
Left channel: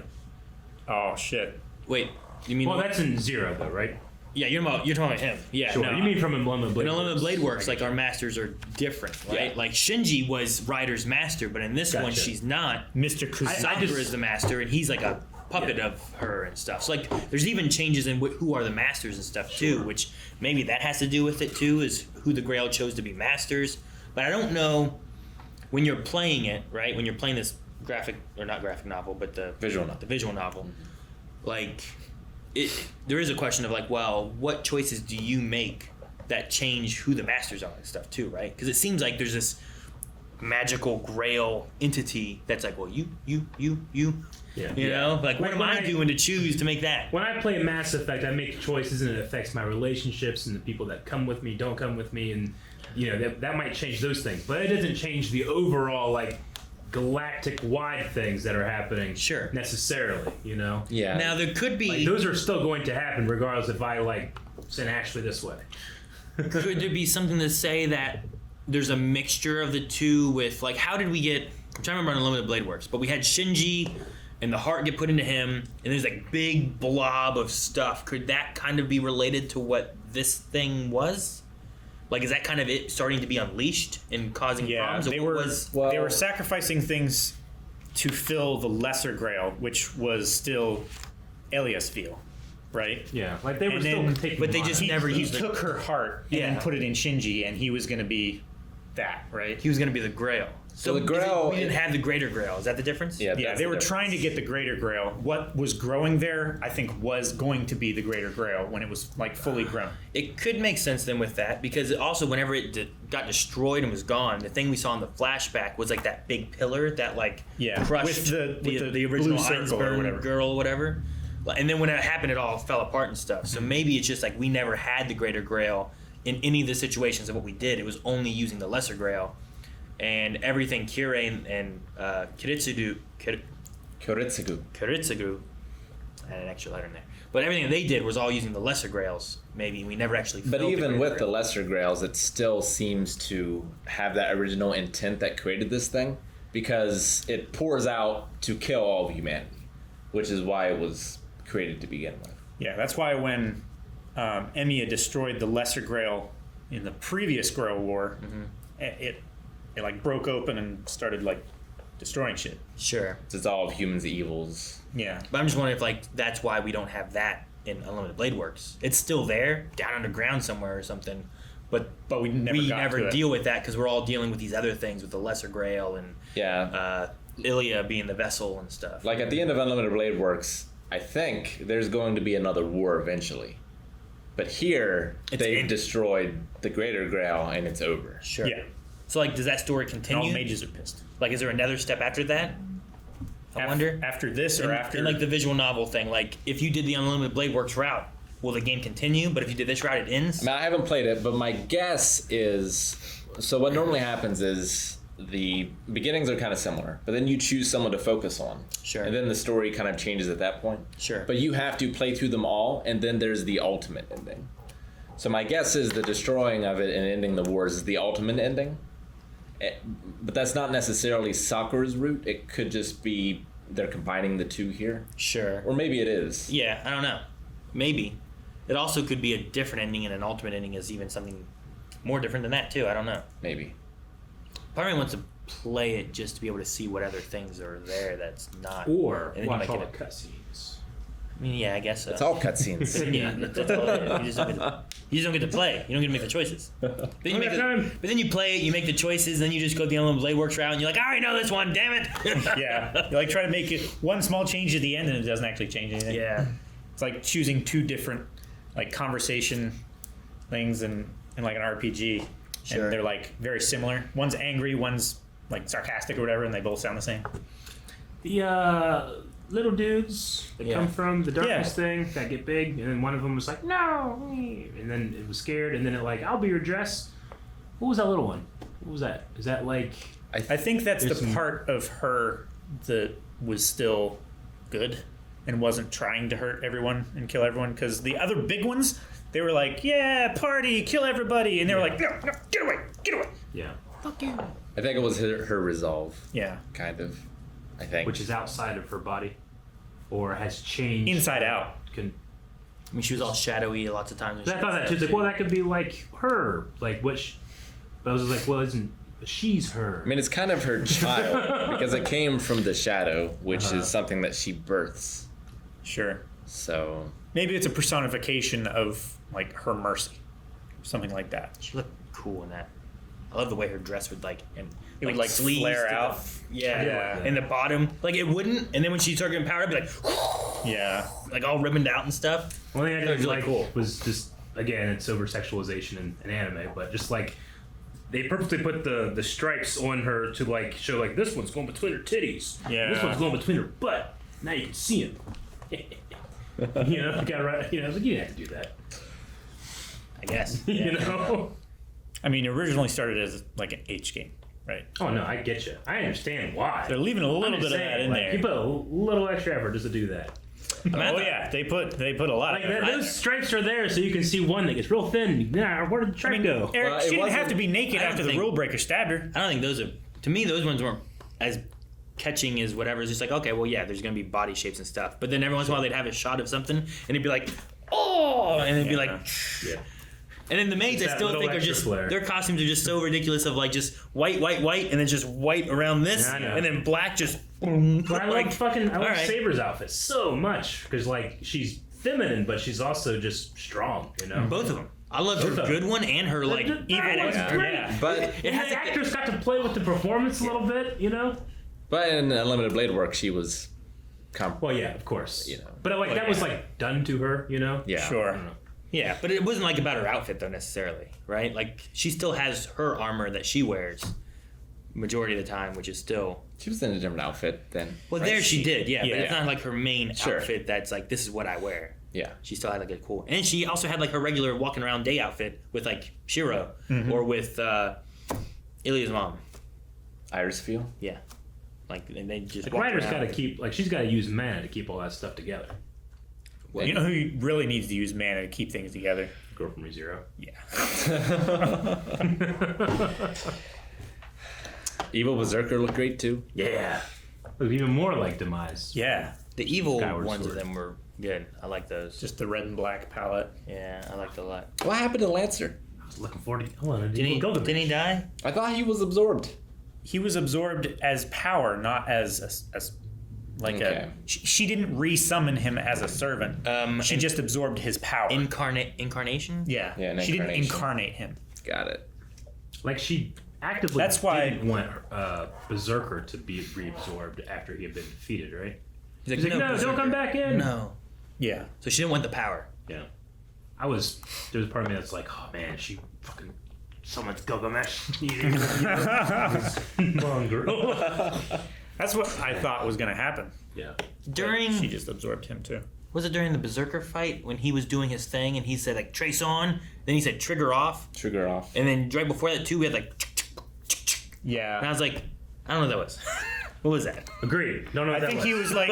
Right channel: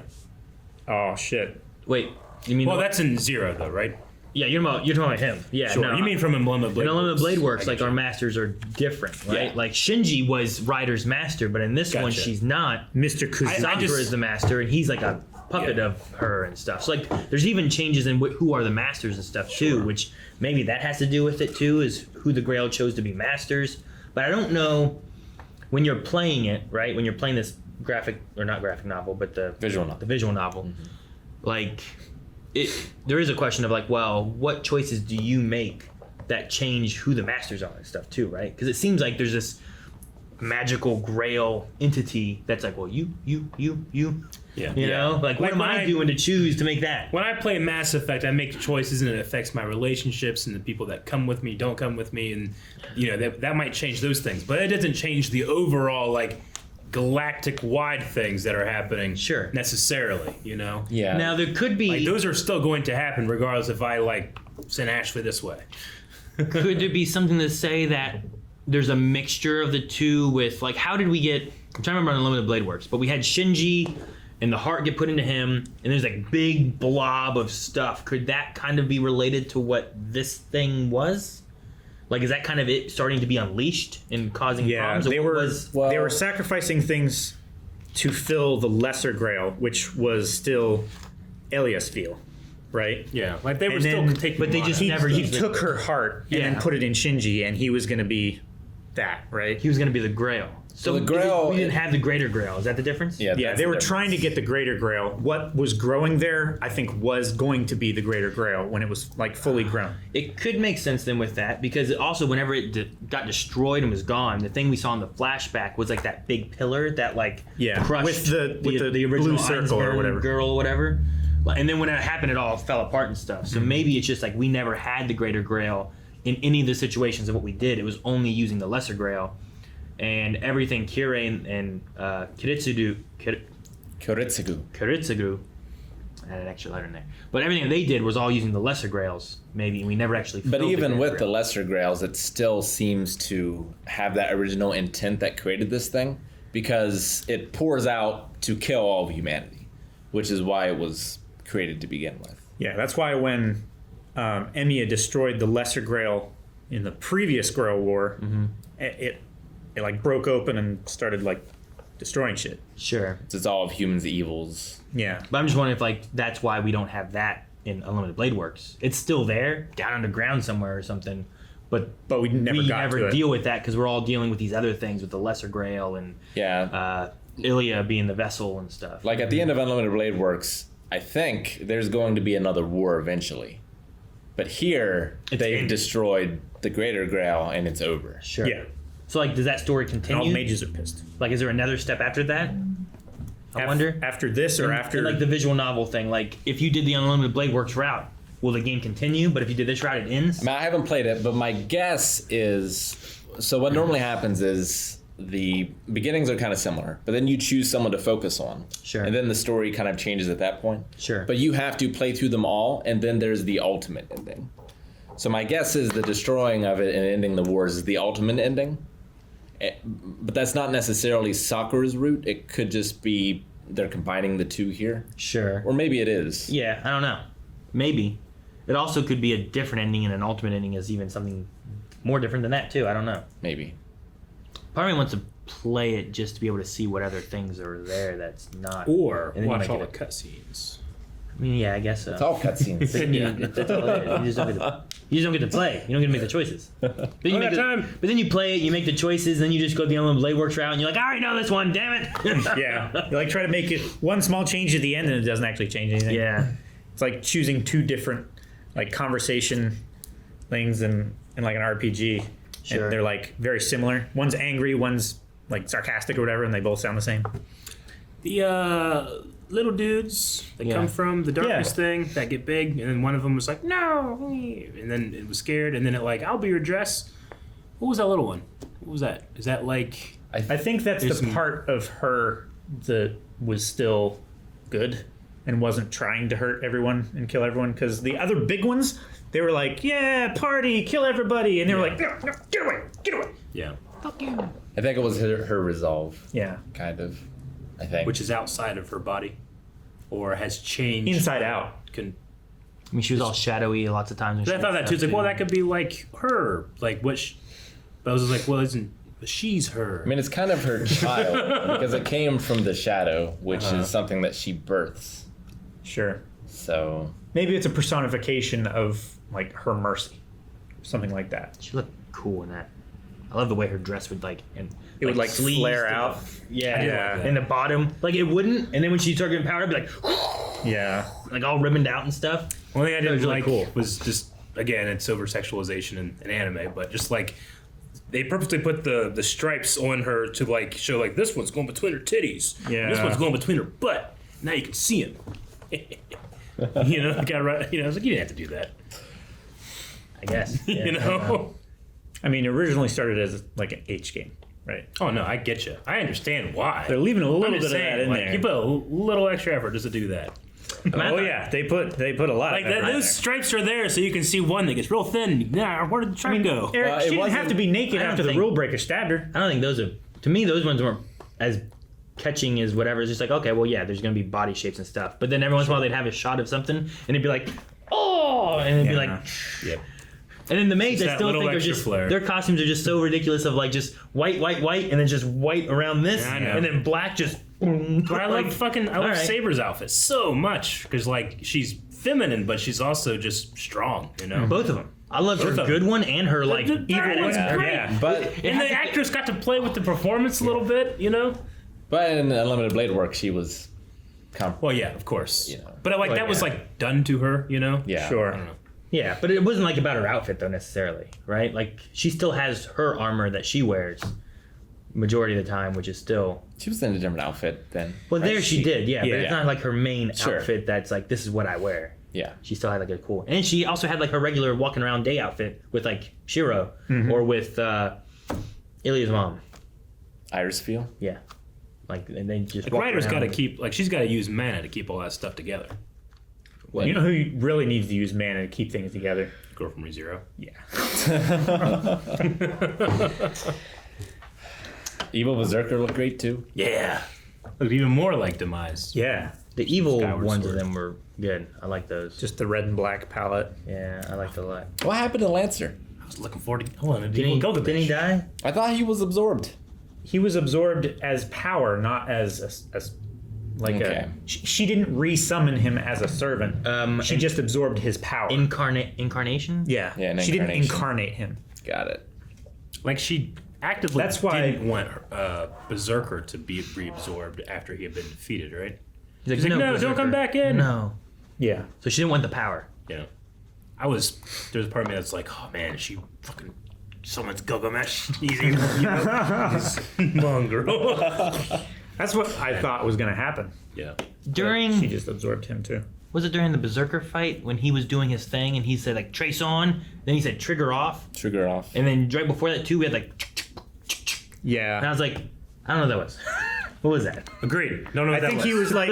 Oh shit. Wait, you mean? Well, that's in Zero, though, right? yeah, you're talking about him. Yeah, Sure. no. You mean from Unlimited Blade in Unlimited Blade Works, I like get our you. masters are different, right? Yeah. Like Shinji was Ryder's master, but in this one Gotcha. she's not. Mr. Kuzan. Sakura is the master, and he's like a puppet of her and stuff. So like, there's even changes in who are the masters and stuff too, which maybe that has to do with it too, is who the Grail chose to be masters. But I don't know when you're playing it, right? When you're playing this graphic or not graphic novel, but the Visual novel. the visual novel, like there is a question of like, well, what choices do you make that change who the masters are and stuff too, right? Because it seems like there's this magical Grail entity that's like, well, you. Yeah. You know, like what am I doing to choose to make that? When I play Mass Effect, I make choices and it affects my relationships and the people that come with me, don't come with me, and that might change those things. But it doesn't change the overall like galactic wide things that are happening. Sure. Necessarily, Yeah. Now there could be Like those are still going to happen regardless if I like send Ashley this way. could there be something to say that there's a mixture of the two with like how did we get? I'm trying to remember how Unlimited Blade Works, but we had Shinji and the heart get put into him, and there's like big blob of stuff. Could that kind of be related to what this thing was? Like, is that kind of it starting to be unleashed and causing Yeah, problems? Or they what were was they were sacrificing things to fill the Lesser Grail, which was still Eliasville, right? Yeah, like they were And still then- taking. but they just He, never he used it. took her heart and Yeah. then put it in Shinji, and he was going to be that, right? He was going to be the Grail. So the Grail- we didn't have the Greater Grail. Is that the difference? Yeah, Yeah, that's they the were difference. trying to get the Greater Grail. What was growing there, I think, was going to be the Greater Grail when it was like fully grown. It could make sense then with that, because also whenever it got destroyed and was gone, the thing we saw in the flashback was like that big pillar that like Yeah, crushed with the original blue circle or Einsberg whatever. girl or whatever. And then when it happened, it all fell apart and stuff. So maybe it's just like we never had the Greater Grail in any of the situations of what we did. It was only using the Lesser Grail, and everything Kirei and Kiritsugu. Kiritsugu, I had an extra letter in there. But everything they did was all using the Lesser Grails. Maybe we never actually. But filled even Greater with the Grail. lesser grails, it still seems to have that original intent that created this thing, because it pours out to kill all of humanity, which is why it was created to begin with. Yeah, that's why when Emiya destroyed the Lesser Grail in the previous Grail War, it like broke open and started like destroying shit. Sure. It's all of humans' evils. Yeah. But I'm just wondering if like that's why we don't have that in Unlimited Blade Works. It's still there, down underground somewhere or something. But we never got to deal with that because we're all dealing with these other things with the Lesser Grail and Yeah. Ilia being the vessel and stuff. Like at the end of Unlimited Blade Works, I think there's going to be another war eventually. But here, they've destroyed the Greater Grail and it's over. Sure. Yeah. So like, does that story And continue? all the mages are pissed. Like, is there another step after that? I wonder. After this or after... And like the visual novel thing, like if you did the Unlimited Blade Works route, will the game continue? But if you did this route, it ends? I haven't played it, but my guess is... So what normally happens is the beginnings are kind of similar, but then you choose someone to focus on. Sure. And then the story kind of changes at that point. Sure. But you have to play through them all, and then there's the ultimate ending. So my guess is the destroying of it and ending the wars is the ultimate ending. But that's not necessarily Sakura's route. It could just be they're combining the two here. Sure. Or maybe it is. Yeah, I don't know. Maybe. It also could be a different ending, and an ultimate ending is even something more different than that, too. I don't know. Maybe. Part of me wants to play it just to be able to see what other things are there that's not. Or and then you watch might all the get cutscenes. I mean, yeah, I guess so. It's all cutscenes. That's all it is. You just don't get to play. You don't get to make the choices. But then you play it, you make the choices, then you just go the Unlimited Blade Works route, and you're like, I already know this one, damn it. Yeah. You like try to make it one small change at the end and it doesn't actually change anything. Yeah. It's like choosing two different like conversation things in like an RPG. Sure. And they're like very similar. One's angry, one's like sarcastic or whatever, and they both sound the same. The little dudes that come from the darkness thing that get big, and then one of them was like, no, and then it was scared, and then it like, I'll be your dress. What was that little one? What was that? Is that like... I think that's There's the some- part of her that was still good and wasn't trying to hurt everyone and kill everyone, because the other big ones, they were like, yeah, party, kill everybody, and they were like, no, get away, get away. Yeah. Fuck you. I think it was her resolve, Yeah. kind of. I think. Which is outside of her body, or has changed. Inside out. I mean, she was all shadowy lots of times. I thought that too. It's like, well, that could be like her. Like, what? But I was like, well, isn't. But she's her. I mean, it's kind of her child, because it came from the shadow, which is something that she births. Sure. So. Maybe it's a personification of like her mercy, something like that. She looked cool in that. I love the way her dress would like, and It would like sleeves flare to out. Yeah, Yeah. in the bottom, like it wouldn't, and then when she started getting power, it'd be like, Yeah. like all ribboned out and stuff. One thing I That was didn't really like cool. was just, again, it's over sexualization in anime, but just like they purposely put the stripes on her to like show like this one's going between her titties, Yeah. this one's going between her butt. Now you can see him. You know, got right. You know, I was like, you didn't have to do that. I guess. You know. I mean, it originally started as like an H game, right? Oh no, I get you. I understand why. They're leaving a little I'm bit just of that saying, in like, there. you put a little extra effort just to do that. Oh yeah, they put a lot Like of effort in those there. stripes are there so you can see one that gets real thin. Yeah, where did the stripe go? Eric, Well, it she didn't have wasn't- to be naked I don't after the think- rule breaker stabbed her. I don't think those are. To me, those ones weren't as catching as whatever. It's just like, okay, well, yeah, there's gonna be body shapes and stuff. But then every once in a while they'd have a shot of something, and it'd be like, oh, and it'd be like. Yep. And then the maids, It's I that still little think are extra just flair. their costumes are just so ridiculous of like just white, and then just white around this, Yeah, I know. and then black just But I like I love right. Saber's outfit so much because like she's feminine, but she's also just strong. You know, Both of them. I loved her Both of good them. one and her like the evil bad one. one's great. Yeah. But And the actress got to play with the performance a little bit. You know. but in Unlimited Blade Work, she was. Well, yeah, of course. You know. But like that was like done to her. You know. Yeah. I Sure. don't know. Yeah, but it wasn't like about her outfit though necessarily, right? Like she still has her armor that she wears majority of the time, which is still. She was in a different outfit then. Well, there she did, yeah, but it's Yeah. not like her main Sure. outfit that's like this is what I wear. Yeah. She still had like a cool, and she also had like her regular walking around day outfit with like Shiro or with Ilya's mom. Iris Feel. Yeah, like and they just. The walked writer's around got to with- keep like she's got to use mana to keep all that stuff together. You know who really needs to use mana to keep things together? Girl from ReZero. Yeah. Evil Berserker looked great too. Yeah. Looked even more like Demise. Yeah. The evil Skyward ones Sword. of them were good. I like those. Just the red and black palette. Yeah, I liked it a lot. What happened to Lancer? I was looking forward to. Hold on, Didn't he die? I thought he was absorbed. He was absorbed as power, not as like Okay. she didn't re-summon him as a servant. She and- just absorbed his power. Incarnation. yeah. Yeah, an She didn't incarnation. incarnate him. Got it. Like she actively That's why- didn't want Berserker to be reabsorbed after he had been defeated, right? He's like, no, don't Berserker. come back in. No. Yeah. So she didn't want the power. Yeah. There's a part of me that's like, oh man, is she fucking someone's Gilgamesh? He's evil, you know? This mongrel. That's what I thought was going to happen. Yeah. During She just absorbed him too. was it during the Berserker fight when he was doing his thing and he said like trace on, then he said trigger off, Trigger off. and then right before that too we had like, Yeah. and I was like, I don't know what that was. What was that? Agreed. Don't know I what that think was. he was like,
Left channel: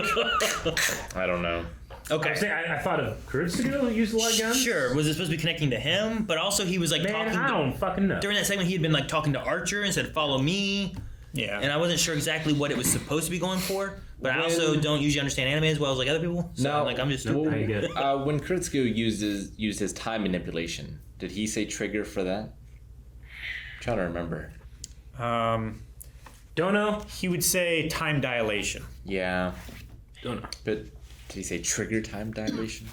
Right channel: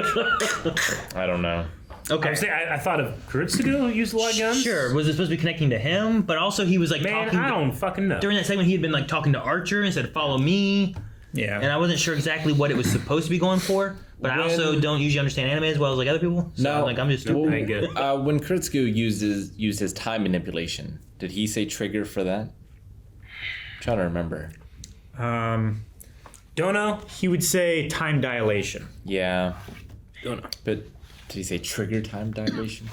I don't know. Okay. I thought of Kuritsugu used a lot of guns. Sure. Was it supposed to be connecting to him? But also he was like Man, talking I to, don't fucking know. during that segment he had been like talking to Archer and said follow me, yeah. and I wasn't sure exactly what it was supposed to be going for. But I also don't usually understand anime as well as like other people. So No. like I'm just Nope. stupid. I get it. When Kuritsugu used his time manipulation, did he say trigger for that? I'm trying to remember. Don't know. He would say time dilation. Yeah, Don't know. but did he say trigger time dilation?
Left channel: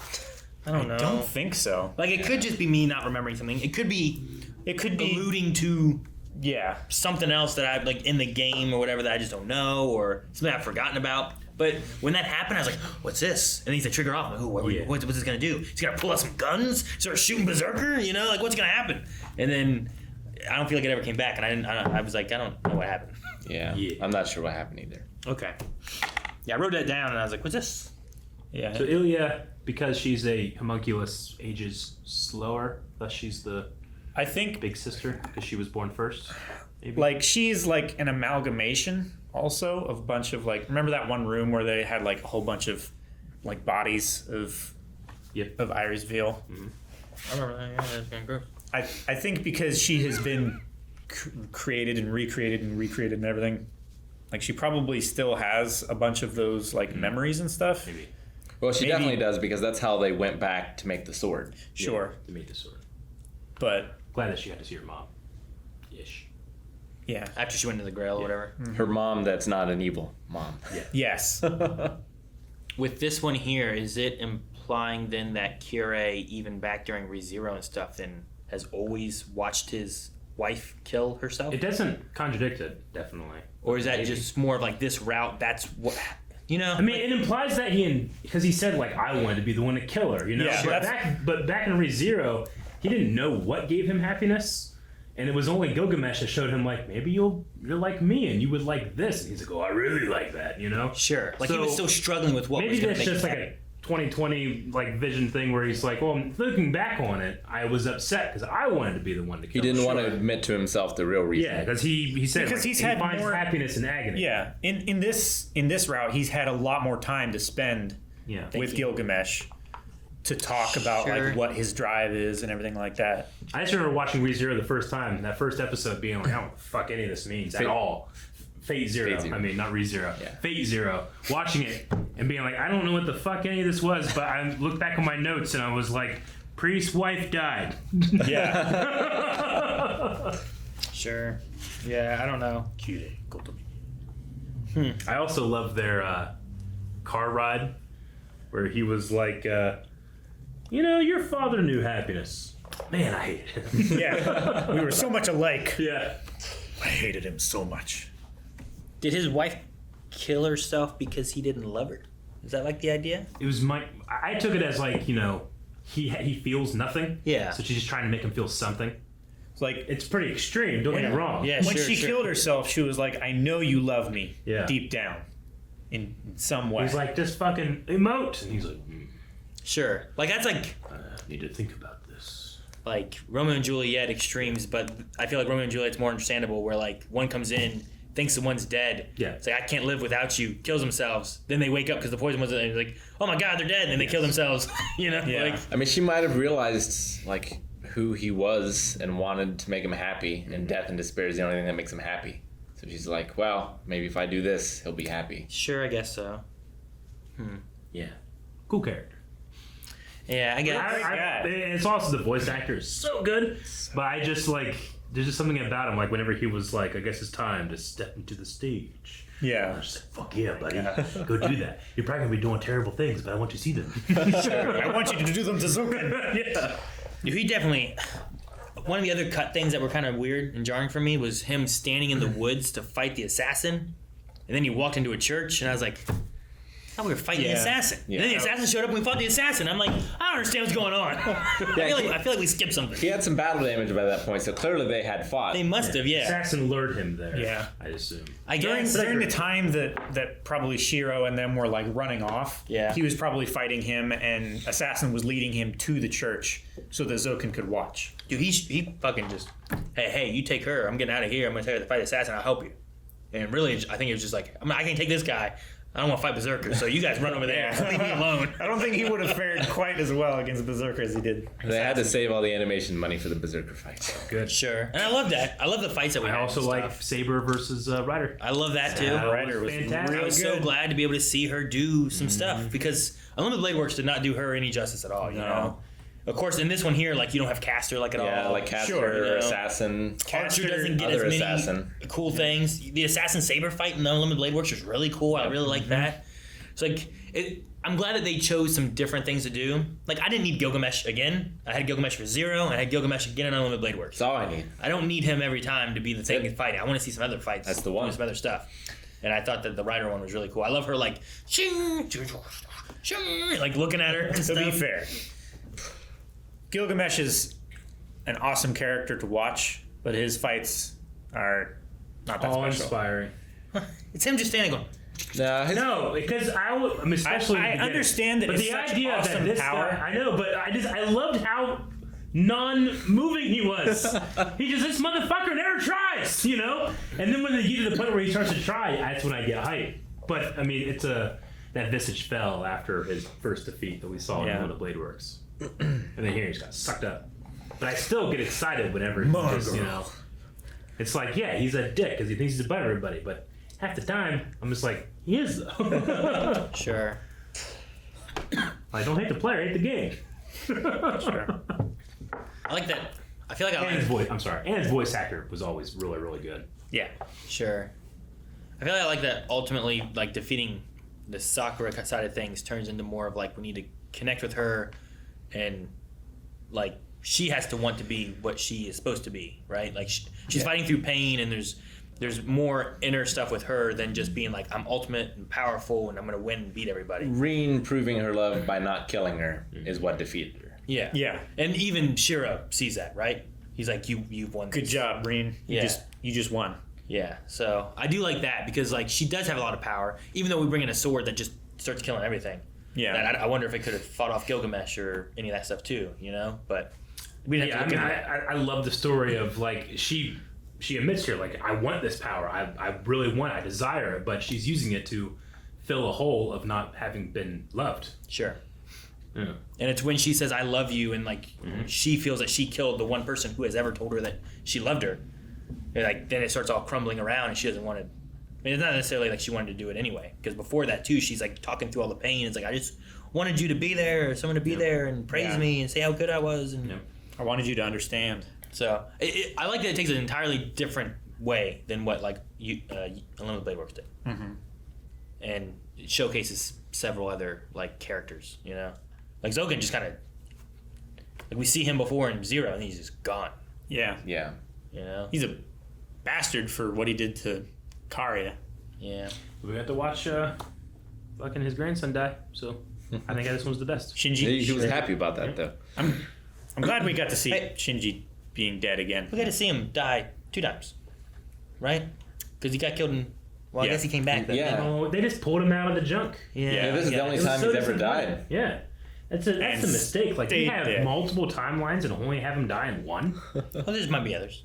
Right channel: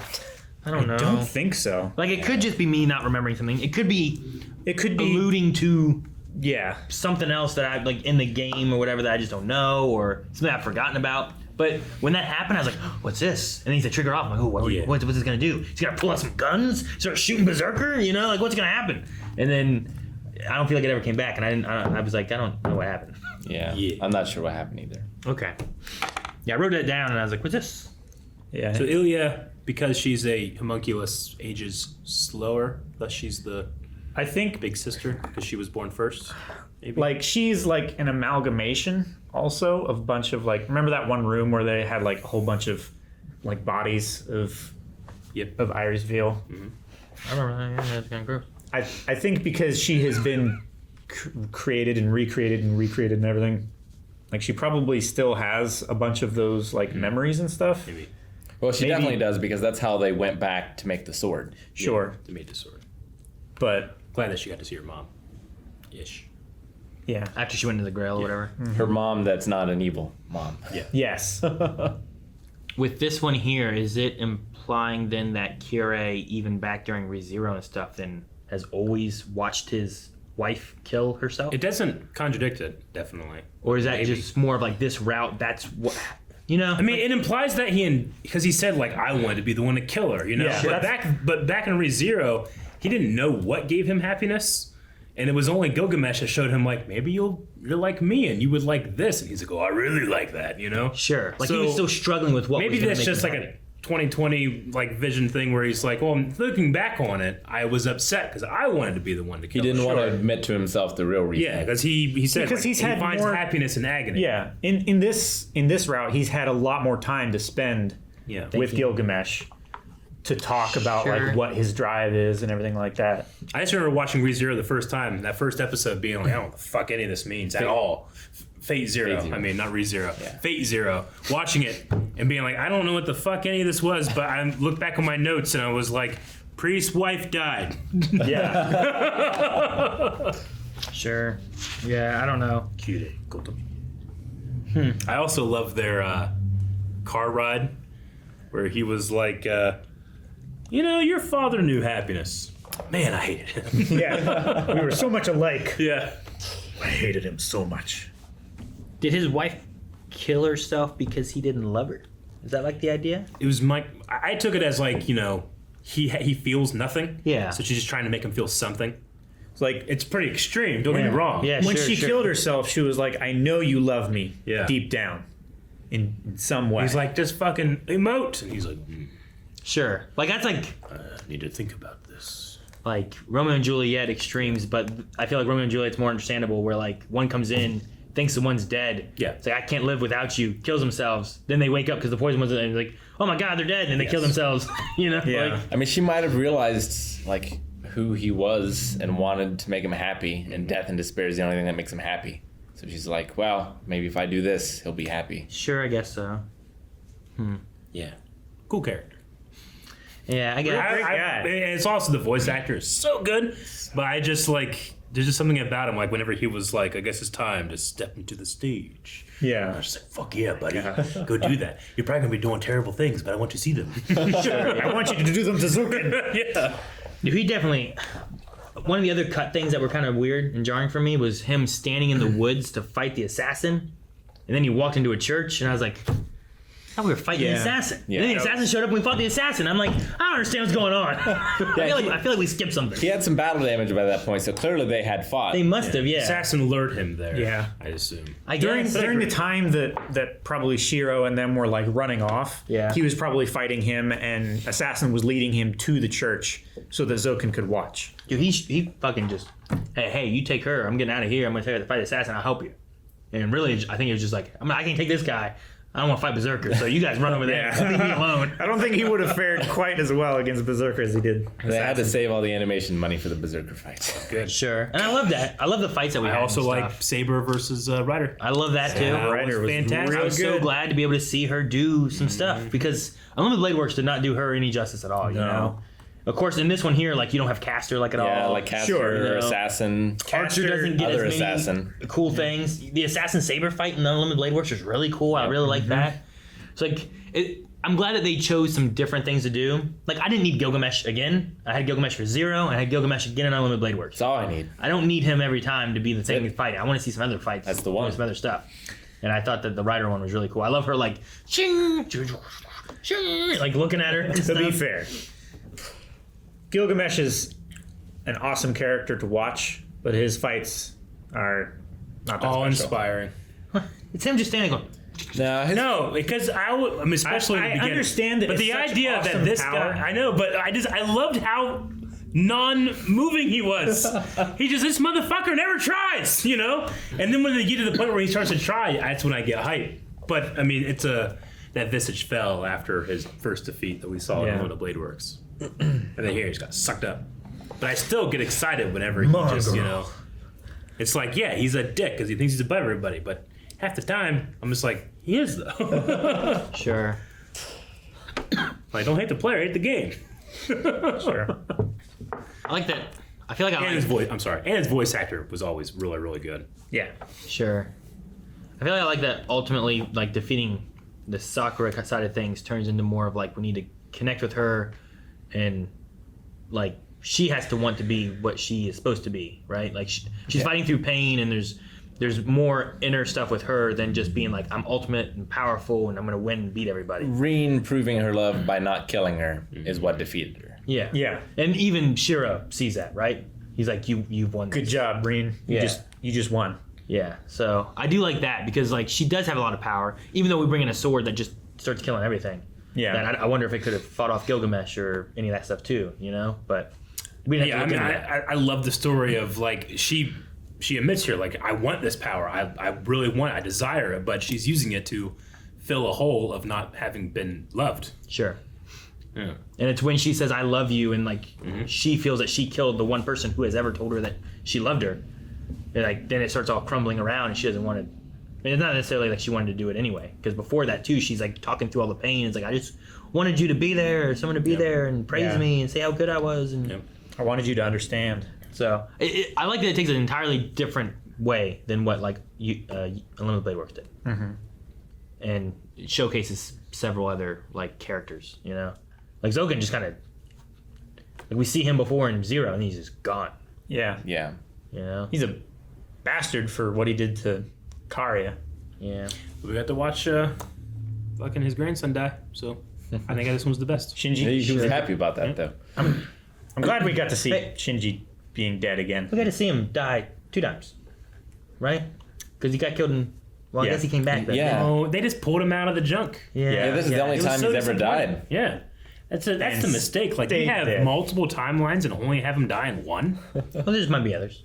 I don't know. Don't think so. Like it could just be me not remembering something. It could be It could be. alluding to Yeah. something else that I like in the game or whatever that I just don't know or something I've forgotten about. But when that happened, I was like, "What's this?" And then he said, "Trigger off." I'm like, "Oh, Yeah. what's this gonna do? He's gonna pull out some guns, start shooting Berserker? You know, like what's gonna happen?" And then I don't feel like it ever came back, and I was like, I don't know what happened. Yeah. Yeah. I'm not sure what happened either. Okay. Yeah, I wrote it down, and I was like, "What's this?" Yeah. So Ilya, because she's a homunculus, ages slower. Thus, she's the I think big sister because she was born first. Maybe. like she's like an amalgamation also of a bunch of like, remember that one room where they had like a whole bunch of like bodies of Yep. of Iris Veal? I don't know. Yeah, that's kind of gross. I think because she has been created and recreated and everything, like she probably still has a bunch of those like memories and stuff. Maybe. Well, she Maybe- definitely does because that's how they went back to make the sword. Sure, They made the sword. but Glad that she got to see her mom. Ish. yeah, After she went to the Grail or whatever. Her mom, that's not an evil mom. yes, With this one here, is it implying then that Kire, even back during ReZero and stuff, then has always watched his wife kill herself? It doesn't contradict it, definitely. Or is that Maybe. just more of like this route? That's what, you know? I mean, it implies that because he said like I wanted to be the one to kill her, you know. Yeah, but back in ReZero, he didn't know what gave him happiness, and it was only Gilgamesh that showed him like maybe you're like me and you would like this, and he's like, oh, I really like that, you know. Sure. Like he So, was still struggling with what was Maybe gonna that's make just him like happy. a 2020 like vision thing where he's like, well, looking back on it, I was upset because I wanted to be the one to He kill didn't her. want to admit to himself the real reason. Yeah, because he said Because like, he's he had finds more- happiness in agony. yeah. In this route, he's had a lot more time to spend Yeah. with Gilgamesh to talk about Sure. like what his drive is and everything like that. I just remember watching ReZero the first time, that first episode being like, I don't know what the fuck any of this means at all. Fate Zero. Fate Zero. I mean, not ReZero. Yeah. Fate Zero. Watching it and being like, I don't know what the fuck any of this was, but I looked back on my notes and I was like, priest's wife died. Yeah. Sure. Yeah, I don't know. I also love their car ride, where he was like, your father knew happiness. Man, I hated him. Yeah, we were so much alike. Yeah. I hated him so much. Did his wife kill herself because he didn't love her? Is that like the idea? It was I took it as like, he feels nothing. Yeah. So she's just trying to make him feel something. It's like It's pretty extreme, don't get me wrong. Yeah, when sure, she sure. killed herself, she was like, I know you love me Yeah. deep down in some way. He's like, just fucking emote. And he's like, Sure. Like, that's like I need to think about this. like Romeo and Juliet extremes, but I feel like Romeo and Juliet's more understandable where like one comes in, thinks the one's dead. Yeah. It's like, I can't live without you, kills themselves. Then they wake up because the poison was in and like, oh my god, they're dead, and they kill themselves. Yeah. Like, I mean, she might have realized like who he was and wanted to make him happy, and death and despair is the only thing that makes him happy. So she's like, well, maybe if I do this, he'll be happy. sure, I guess so. Yeah. Cool character. Yeah, I guess. It's also the voice actor is so good, but I just like, there's just something about him, like whenever he was like, I guess it's time to step into the stage. yeah. I just said, fuck yeah, buddy. Go do that. You're probably going to be doing terrible things, but I want you to see them. I want you to do them to Zukin. Yeah. Dude, he definitely. One of the other cut things that were kind of weird and jarring for me was him standing in the woods to fight the assassin, and then he walked into a church, and I was like, I thought we were fighting the assassin. Yeah. And then the assassin showed up and we fought the assassin. I'm like, I don't understand what's going on. I feel like we skipped something. He had some battle damage by that point, so clearly they had fought. They must have, yeah. Assassin lured him there. Yeah. I assume. I During guess. the time that probably Shiro and them were like running off, Yeah. he was probably fighting him, and Assassin was leading him to the church so that Zokin could watch. Dude, he fucking just, hey, you take her. I'm getting out of here. I'm going to take her to fight the assassin. I'll help you. And really, I think it was just like, I can't take this guy. I don't want to fight Berserker, so you guys run over there. Leave me alone. I don't think he would have fared quite as well against Berserker as he did. They had to save all the animation money for the Berserker fight. Good. Sure. And I love that. I love the fights that we I had also and like stuff. Saber versus Ryder. I love that too. Ryder was fantastic. I was so good. glad to be able to see her do some stuff because Unlimited Blade Works did not do her any justice at all. You know, of course, in this one here, like you don't have Caster like at Yeah, all. like Caster, Sure, you know. Assassin. Archer doesn't get Other as many assassin. cool things. The Assassin Saber fight in the Unlimited Blade Works was really cool. I really like that. It's like I'm glad that they chose some different things to do. Like I didn't need Gilgamesh again. I had Gilgamesh for Zero, and I had Gilgamesh again in Unlimited Blade Works. That's all I need. I don't need him every time to be the same fight. I want to see some other fights. That's the one. Some other stuff. And I thought that the Rider one was really cool. I love her like, shing, shing, like looking at her. And To stuff. be fair, Gilgamesh is an awesome character to watch, but his fights are not that All special. inspiring. It's him just standing going. No, because especially I in the beginning. understand that but it's the such idea awesome that this power. guy, I know, but I loved how non-moving he was. This motherfucker never tries, you know. And then when they get to the point where he starts to try, that's when I get hyped. But I mean, that visage fell after his first defeat that we saw in one of Blade Works, and then here he just got sucked up. But I still get excited whenever he just, you know. It's like, yeah, he's a dick because he thinks he's above everybody, but half the time I'm just like, he is though. Sure. Like, don't hate the player, hate the game. Sure. I like that. I feel like I And his like. voice, I'm sorry, and his voice actor was always really, really good. Yeah. Sure. I feel like I like that. Ultimately, like defeating the Sakura side of things turns into more of like we need to connect with her, and like she has to want to be what she is supposed to be, right? Like she's fighting through pain, and there's more inner stuff with her than just being like I'm ultimate and powerful and I'm gonna win and beat everybody. Reen proving her love by not killing her is what defeated her. Yeah. Yeah. And even Shiro sees that, right? He's like, you've won. Good this. job, Reen. Yeah. You just won. Yeah. So I do like that because like she does have a lot of power, even though we bring in a sword that just starts killing everything. Yeah. That I wonder if it could have fought off Gilgamesh or any of that stuff too, you know? But we didn't Yeah, I have to mean, look into that. I love the story of like she admits here, like, I want this power, I really want it, I desire it, but she's using it to fill a hole of not having been loved. Sure. Yeah. And it's when she says I love you and like she feels that she killed the one person who has ever told her that she loved her. And like then it starts all crumbling around and she doesn't want to. And it's not necessarily like she wanted to do it anyway, because before that too she's like talking through all the pain. It's like I just wanted you to be there, or someone to be there and praise me and say how good I was. And I wanted you to understand. so I like that it takes an entirely different way than what like Unlimited Blade Works did, and it showcases several other like characters. You know, like Zoken just kind of like we see him before in Zero, and he's just gone. Yeah. Yeah. You know, He's a bastard for what he did to Karya. yeah. We got to watch fucking his grandson die, so I think this one's the best. Shinji. He was happy about that though. I'm glad we got to see Hey. Shinji being dead again. We got to see him die 2 times, right? Because he got killed in. Well, I Yeah. guess he came back. Then. Yeah. Oh, they just pulled him out of the junk. Yeah, this is the only It was time so he's ever disappointing. died. Yeah. That's the And mistake. Like, they stayed have dead. multiple timelines and only have him die in one. Well, there might be others.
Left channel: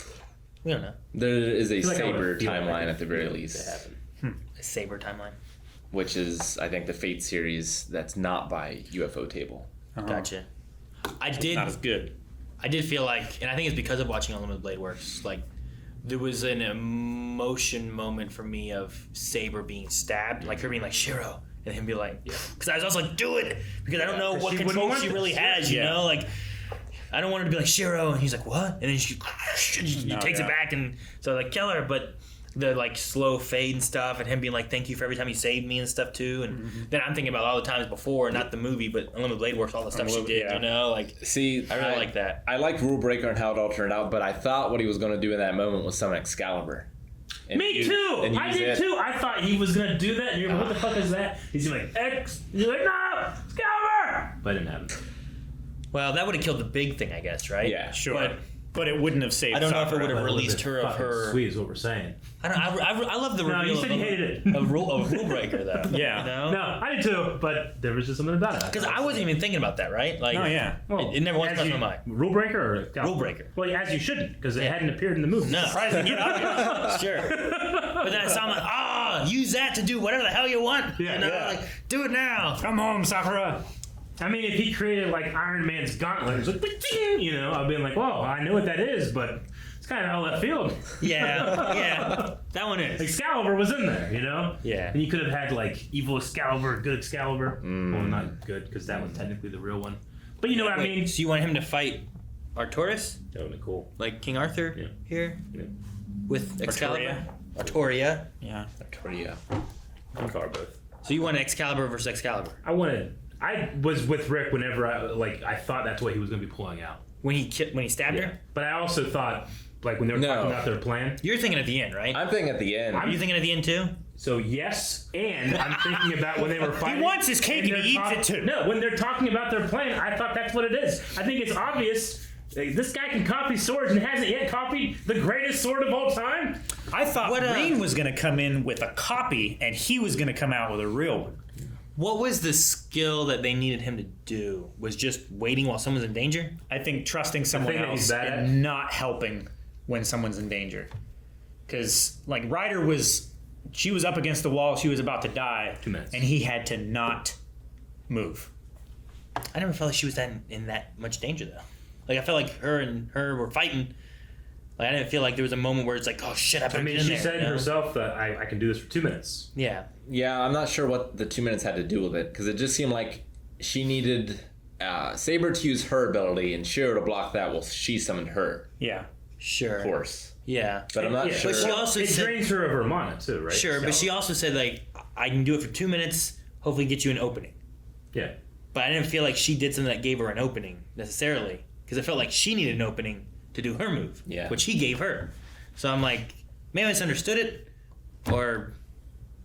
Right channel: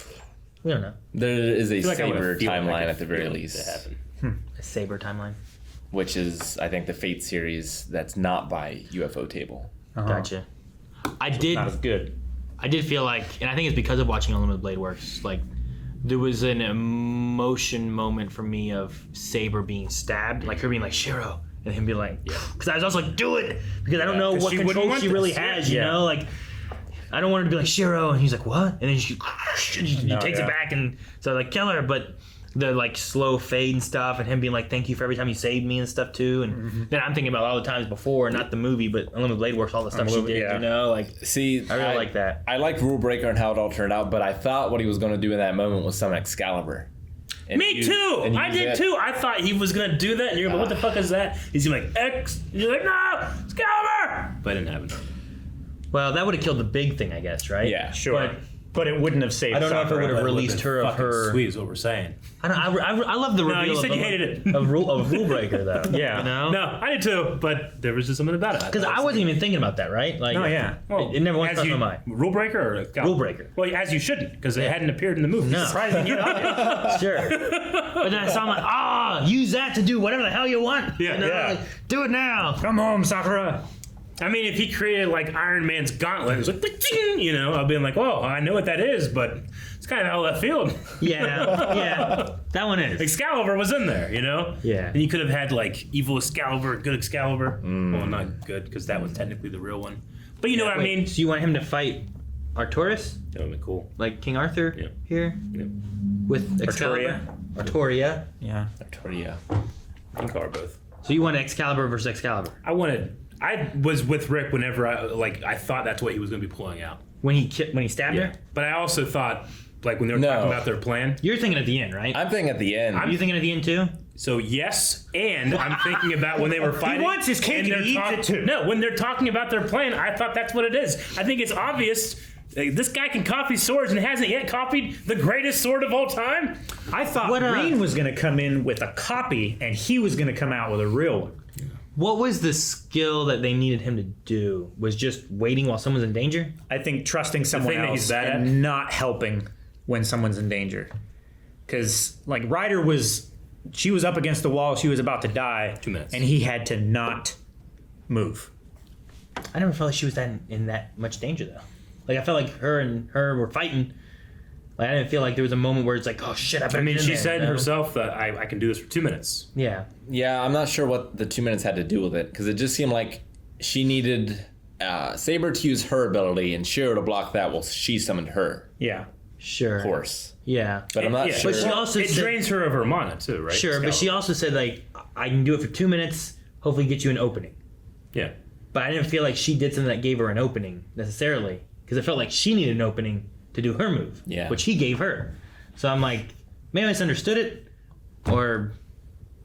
We don't know. There is a I feel like I Saber would've feel like timeline it at the very to least, happen. A Saber timeline. which is I think the Fate series that's not by UFO Table. Gotcha. I Not as did. good. I did feel like, and I think it's because of watching Unlimited Blade Works. Like, there was an emotion moment for me of Saber being stabbed, like her being like Shiro, and him being like, because I was also like, do it, because I don't know 'cause what she wouldn't control want she really this. has. You Yeah. know, like. I don't want her to be like Shiro, and he's like, what? And then she takes yeah. it back, and so like kill her. But the like slow fade and stuff, and him being like, thank you for every time you saved me and stuff too. And then I'm thinking about all the times before, not the movie, but Unlimited Blade Works, all the stuff she Unlimited, did. yeah. You know, like See, I really like that. I like Rule Breaker and how it all turned out, but I thought what he was going to do in that moment was summon Excalibur. And Me too! I use did it. too! I thought he was gonna do that, and you're like, what the fuck is that? He's like, X! And you're like, no! Excalibur! But it didn't happen. Well, that would have killed the big thing, I guess, right? Yeah. Sure. But it wouldn't have saved I don't know if it Sakura. would have That would've released been her of fucking her. Sweet is what we're saying. I don't. I love the reveal. No, you said of you hated it. of rule breaker though. Yeah. You know. No, I did too, but there was just something about it. Because I wasn't even thinking about that, right? Like, Oh, yeah. it never once as crossed you- my mind. Rule breaker or Excalibur? Rule breaker. Well, as you shouldn't, because it hadn't appeared in the movie. No. Surprising, you know? Sure. But then I saw him like, use that to do whatever the hell you want. Yeah. You know? Yeah. Like, do it now. Come home, Sakura. I mean, if he created like Iron Man's gauntlet, it was like, "Ding," you know, I'd been like, whoa, I know what that is, but it's kind of out of left field. Yeah. That one is. Excalibur was in there, you know? Yeah. And you could have had like evil Excalibur, good Excalibur. Well, not good, because that was technically the real one. But you know what I mean? So you want him to fight Arturus, That would have been cool. like King Arthur Yeah. here, Yeah. with Excalibur? Arturia. Yeah. Artoria. In car both. So you want Excalibur versus Excalibur I was with Rick whenever I thought that's what he was going to be pulling out. when he stabbed her. But I also thought, like, when they were No. talking about their plan. You're thinking at the end, right? I'm thinking at the end. Are you thinking at the end too? So yes, and I'm thinking about when they were fighting. wants his cake and and they're he eats it too. No, when they're talking about their plan, I thought that's what it is. I think it's obvious. Like, this guy can copy swords and hasn't yet copied the greatest sword of all time. I thought What, Rain was going to come in with a copy, and he was going to come out with a real one. What was the skill that they needed him to do? Was just waiting while someone's in danger? I think trusting someone thing that he's else bad at? and not helping when someone's in danger. Because, like, Ryder she was up against the wall, she was about to die. 2 minutes. And he had to not move. I never felt like she was in that much danger though. Like I felt like her were fighting. Like I didn't feel like there was a moment where it's like, oh shit, I better I mean, get in she there, said you know? herself that I can do this for 2 minutes. Yeah. Yeah, I'm not sure what the 2 minutes had to do with it, because it just seemed like she needed Saber to use her ability and Shiro to block that while she summoned her Yeah. Sure. horse. Yeah. But I'm not Yeah, sure. But she also it said, drains her of her mana too, right? sure, but she also said like, I can do it for 2 minutes. Hopefully, get you an opening. Yeah. But I didn't feel like she did something that gave her an opening necessarily, because I felt like she needed an opening to do her move, Yeah. which he gave her. So I'm like, maybe I misunderstood it, or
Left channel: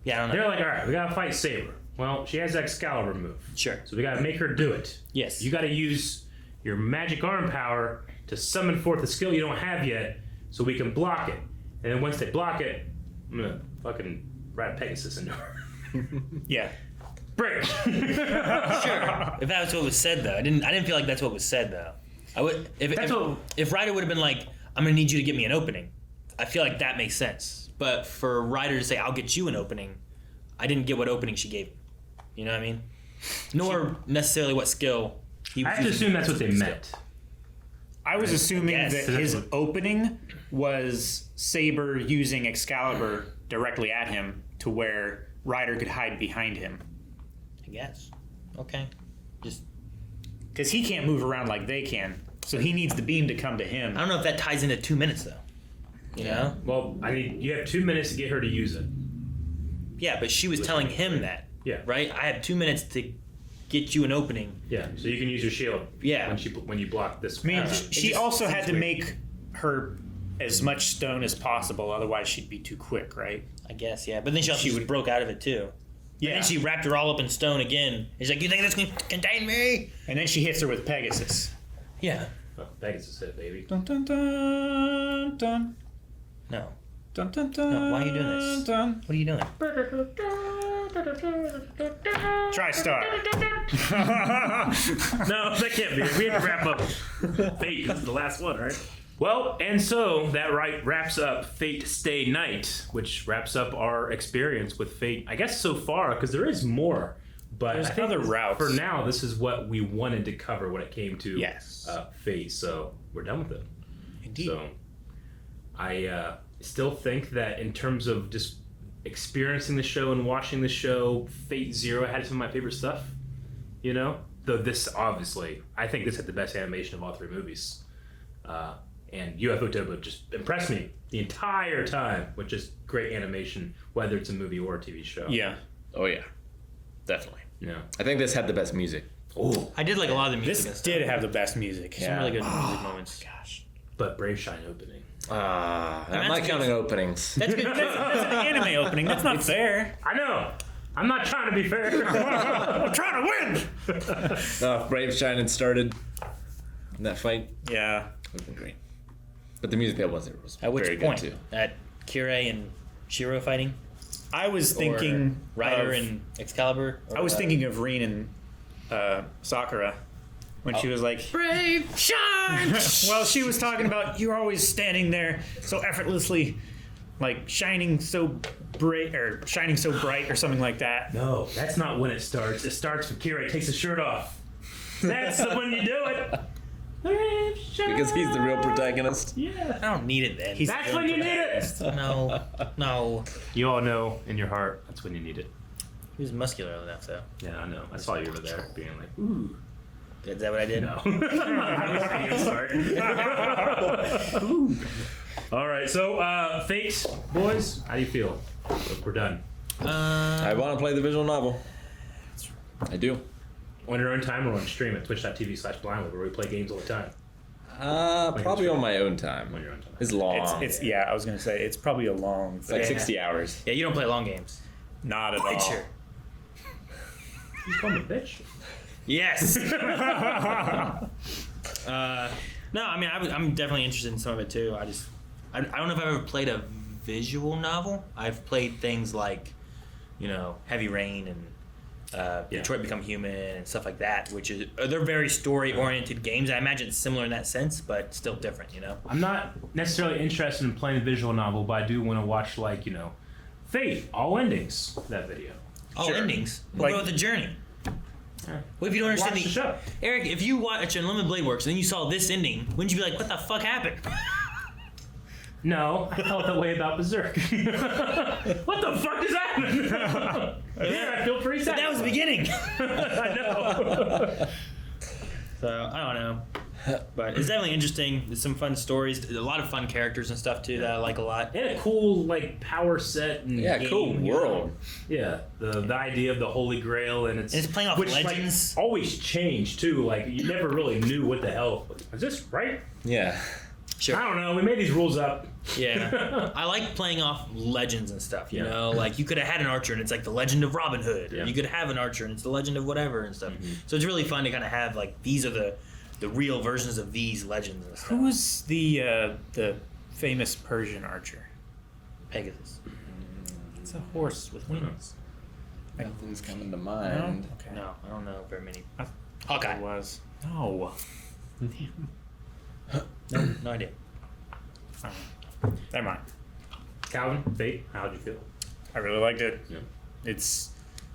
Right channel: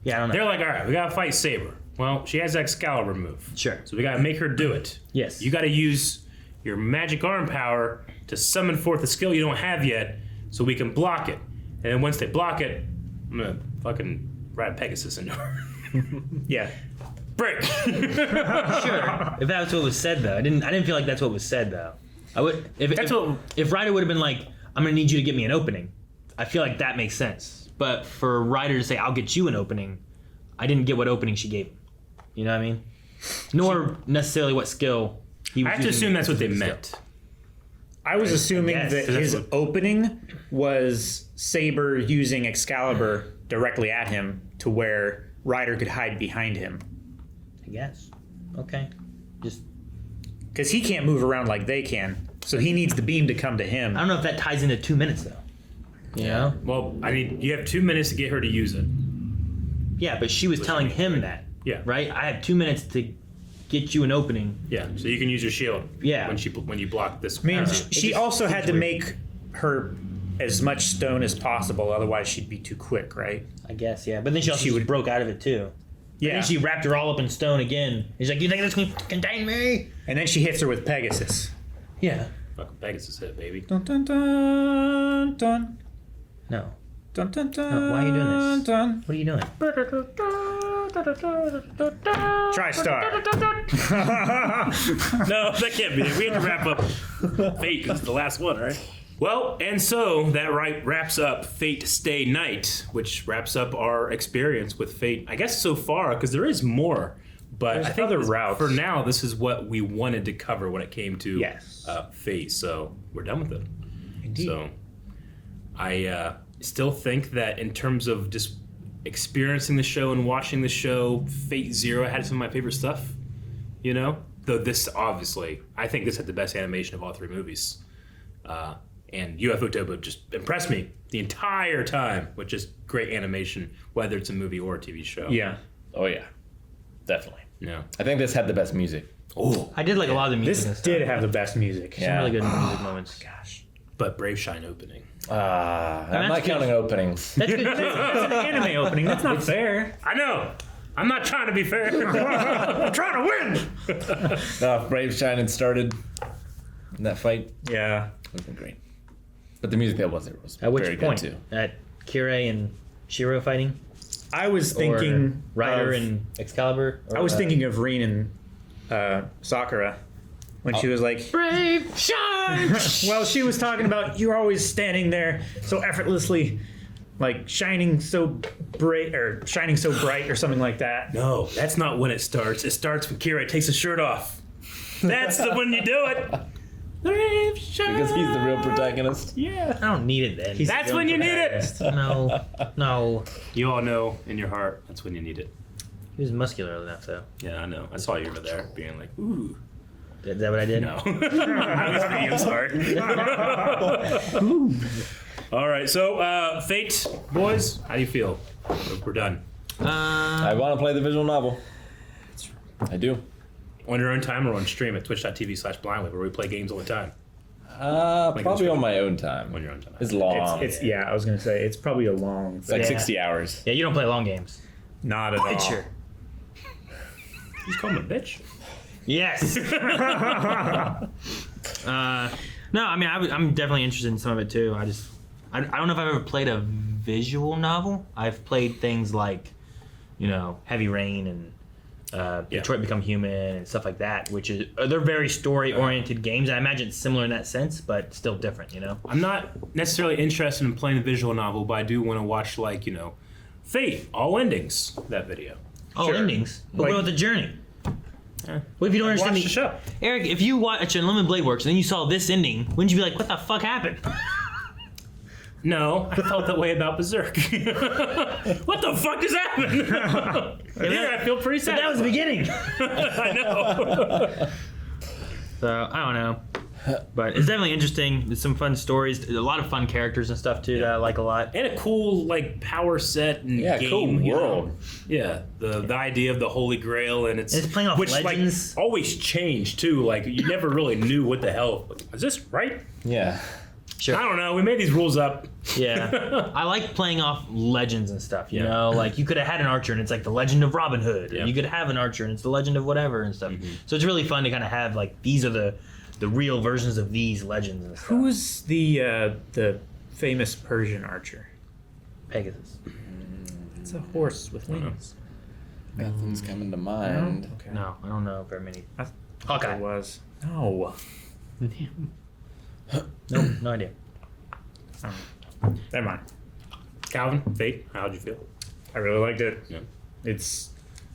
yeah, I don't know. They're like, all right, we gotta fight Saber. Well, she has Excalibur move. Sure. So we gotta make her do it. Yes. You gotta use your magic arm power to summon forth a skill you don't have yet, so we can block it. And then once they block it, I'm gonna fucking ride Pegasus into her. Yeah. Break. Sure. If that's what was said, though, I didn't feel like that's what was said, though. I would if Ryder would have been like, "I'm gonna need you to get me an opening," I feel like that makes sense. But for Ryder to say, "I'll get you an opening," I didn't get what opening she gave him. You know what I mean? Nor necessarily what skill he I was have to using. assume that's what they meant. I was assuming Yes. that That's his what- opening was Saber using Excalibur directly at him to where Ryder could hide behind him. I guess. Okay. Just Because he can't move around like they can. So he needs the beam to come to him. I don't know if that ties into 2 minutes though. You know? Well, I mean, you have 2 minutes to get her to use it. Yeah, but she was telling him that. Yeah. Right? I have 2 minutes to get you an opening. Yeah, so you can use your shield. Yeah. When you block this. I mean, path. she also had to make her as much stone as possible, otherwise she'd be too quick, right? I guess, yeah. But then she also just broke out of it, too. Yeah. And then she wrapped her all up in stone again. He's like, you think this can contain me? And then she hits her with Pegasus. Yeah. Fucking Pegasus hit, baby. Dun dun dun dun. No. Dun dun dun. No, why are you doing this? Dun. What are you doing? TriStar. No, that can't be it. We have to wrap up Fate. That's the last one, right? Well, and so that wraps up Fate Stay Night, which wraps up our experience with Fate, I guess so far, because there is more. But There's I think other routes. for now, this is what we wanted to cover when it came to Yes. Fate. So we're done with it. Indeed. So I still think that in terms of just experiencing the show and watching the show, Fate Zero had some of my favorite stuff. You know? Though this, obviously, I think this had the best animation of all 3 movies. And UFO Topo just impressed me the entire time with just great animation, whether it's a movie or a TV show. Yeah. Oh yeah, definitely. Yeah. I think this had the best music. Oh, I did like a lot of the music. This did have the best music. Yeah. Some really good music moments. Gosh. but Brave Shine opening. I'm that's not good. counting openings. That's good. That's an anime opening. That's not fair. I know. I'm not trying to be fair. I'm trying to win. If Brave Shining started in that fight, Yeah. it would have been great. But the music that was there was At which very point? good too. At Kirei and Shiro fighting? I was thinking Or Ryder of, and Excalibur? Or, I was thinking of Rin and Sakura when she was like, Brave Shine! well, she was talking about you're always standing there so effortlessly, like shining so bright or something like that. No, that's not when it starts. It starts when Kira takes his shirt off. That's the when you do it. Brave Shine. Because he's the real protagonist. Yeah. I don't need it then. He's That's the when you need it. protagonist. No. You all know in your heart that's when you need it. He was muscular enough, though. Yeah, I know. I saw you over there being like, ooh. Is that what I did? No. I was thinking of smart. All right, so Fate, boys, how do you feel? We're done. I want to play the visual novel. I do. On your own time or on stream at twitch.tv/blindly where we play games all the time. Probably on my own time. On your own time. It's long. It's yeah, I was gonna say it's probably a long. It's like 60 hours. Yeah, you don't play long games. Not at all. Sure. You call him a bitch? Yes. No, I mean, I'm definitely interested in some of it too. I don't know if I've ever played a visual novel. I've played things like, Heavy Rain and Detroit Become Human and stuff like that, which is they're very story-oriented games. I imagine it's similar in that sense, but still different. I'm not necessarily interested in playing a visual novel, but I do want to watch Fate, all endings. That video. All endings. But Like- what about the journey? What if you don't understand Watch the show. Eric, if you watch Unlimited Blade Works and then you saw this ending, wouldn't you be like, what the fuck happened? No, I felt that way about Berserk. What the fuck just happened? Yeah, I feel pretty sad. That was the beginning. I know. So, I don't know. But it's definitely interesting. There's some fun stories. There's a lot of fun characters and stuff, too, that I like a lot. And a cool power set and Yeah, game, cool world. Yeah, the idea of the Holy Grail and And it's playing off legends. always changed too. You never really knew what the hell. Is this right? Yeah. Sure. I don't know. We made these rules up. Yeah. I like playing off legends and stuff, you know? Like, you could have had an archer and it's like the legend of Robin Hood. Yeah. And you could have an archer and it's the legend of whatever and stuff. So it's really fun to kind of have, these are the real versions of these legends and stuff. Who was the famous Persian archer? Pegasus. It's a horse with wings. Nothing's coming to mind. Okay. No, I don't know very many. I Hawkeye. It was. No. No idea. Never mind. Calvin, Fate, how'd you feel? I really liked it. Yeah. It's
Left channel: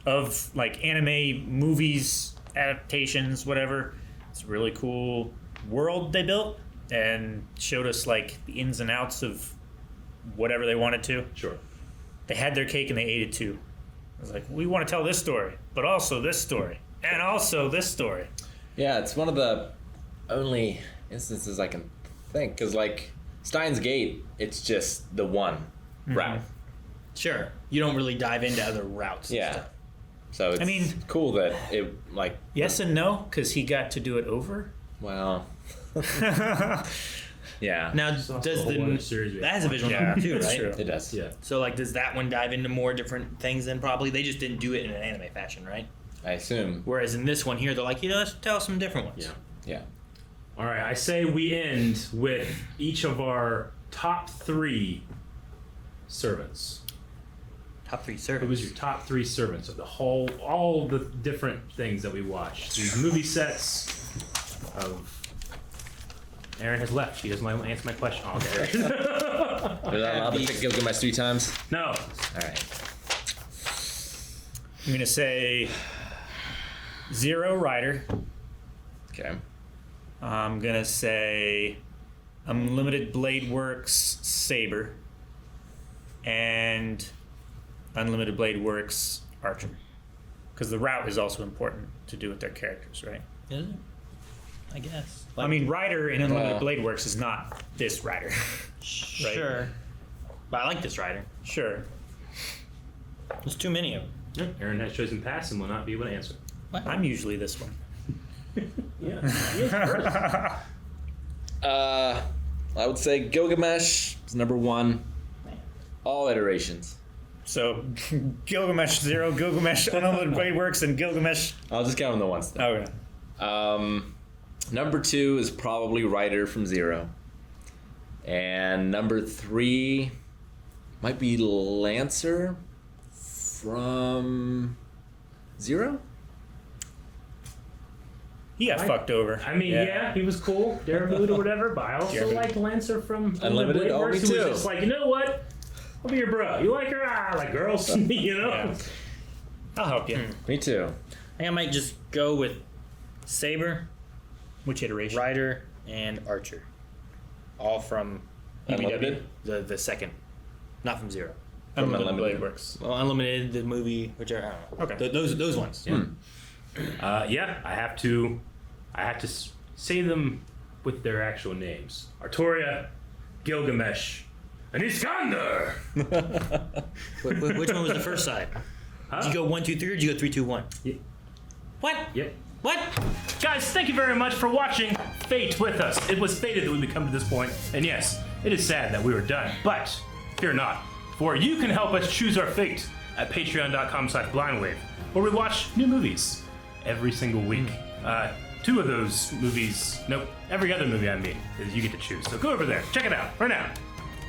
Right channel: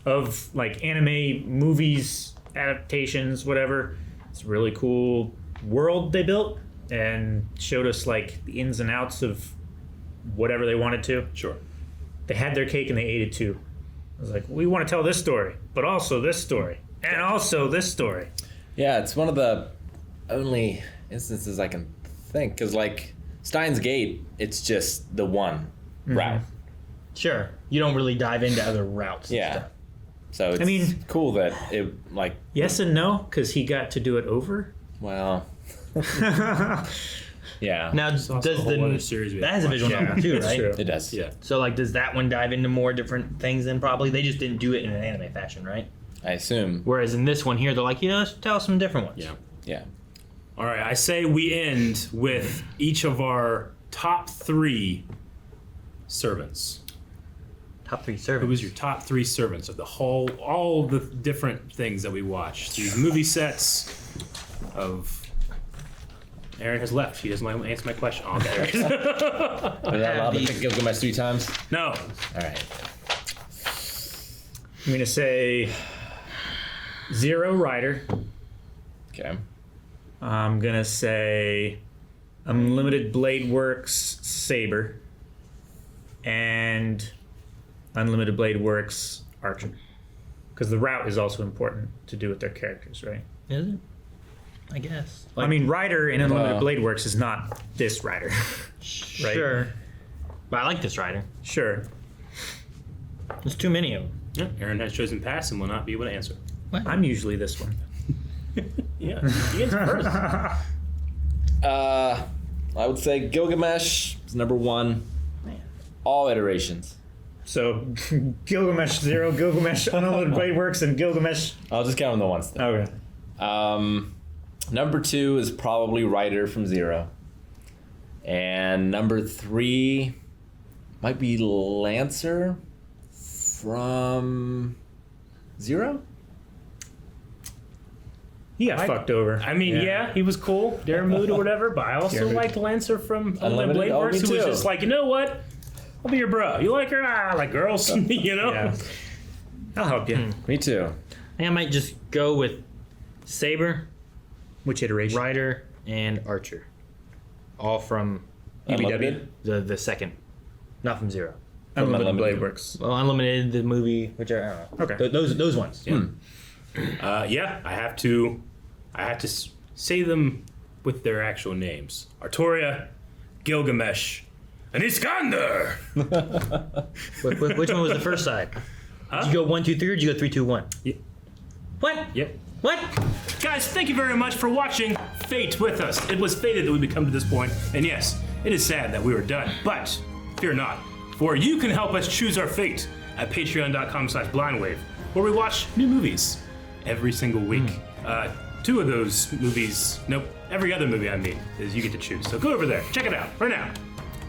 of anime, movies, adaptations, whatever. It's a really cool world they built and showed us the ins and outs of whatever they wanted to. Sure. They had their cake and they ate it too. It was we want to tell this story, but also this story, and also this story. Yeah, it's one of the only instances I can think, because Steins Gate, it's just the one route. Sure. You don't really dive into other routes. and Yeah. stuff. So it's cool that it, like, Yes and no, because he got to do it over. well, yeah, Now, It's also does a whole other series we that has a have to visual watch. novel too, That's right? true. it does. Yeah. So, like, does that one dive into more different things than probably? They just didn't do it in an anime fashion, right? I assume. Whereas in this one here, they're like, let's tell us some different ones. Yeah. Yeah. All right. I say we end with each of our top 3 servants. Top 3 Who servants. was your top 3 servants of the whole, all the different things that we watched? These movie sets of. Aaron has left. She doesn't want to answer my question. Oh, okay. Was I allowed to pick Gilgamesh 3 times? No. All right. I'm gonna say 0 Rider. Okay. I'm gonna say Unlimited Blade Works Saber. And Unlimited Blade Works Archer. Because the route is also important to do with their characters, right? Is it? I guess. I mean, Rider in Unlimited Well- Blade Works is not this Rider. right? Sure. But I like this rider. Sure. There's too many of them. Yeah, Aaron has chosen pass and will not be able to answer. I'm usually this one. Yeah. He is first. I would say Gilgamesh is number 1. Man. All iterations. So Gilgamesh 0, Gilgamesh Unlimited Blade Works, and Gilgamesh. I'll just count them the ones. Though. Okay. Number 2 is probably Ryder from 0. And number 3 might be Lancer from 0? He got I- fucked over. I mean, yeah, he was cool, Darren Mood or whatever, but I also Yeah. liked Lancer from Unlimited Unlimited? Blade Oh, Works, me who was too. just like, you know what? I'll be your bro. You like her? Ah, I like girls, you know? Yeah. I'll help you. Me too. I think I might just go with Saber, Which iteration? Rider, and Archer. All from ABW? the second. Not from 0. Unlimited Unlimited. Blade Works. Well, Unlimited, the movie, which are, I don't know. Okay. Those ones. Yeah. Yeah, I have to say them with their actual names. Artoria, Gilgamesh, and Iskander! Which one was the first side? Did you go 1, 2, 3, or did you go 3, 2, 1? Yeah. What? Yep. What? Guys, thank you very much for watching Fate with us. It was fated that we would come to this point, and yes, it is sad that we were done, but fear not, for you can help us choose our fate at patreon.com/blindwave, where we watch new movies every single week. 2 of those movies, nope, every other movie I mean, is you get to choose. So go over there, check it out right now.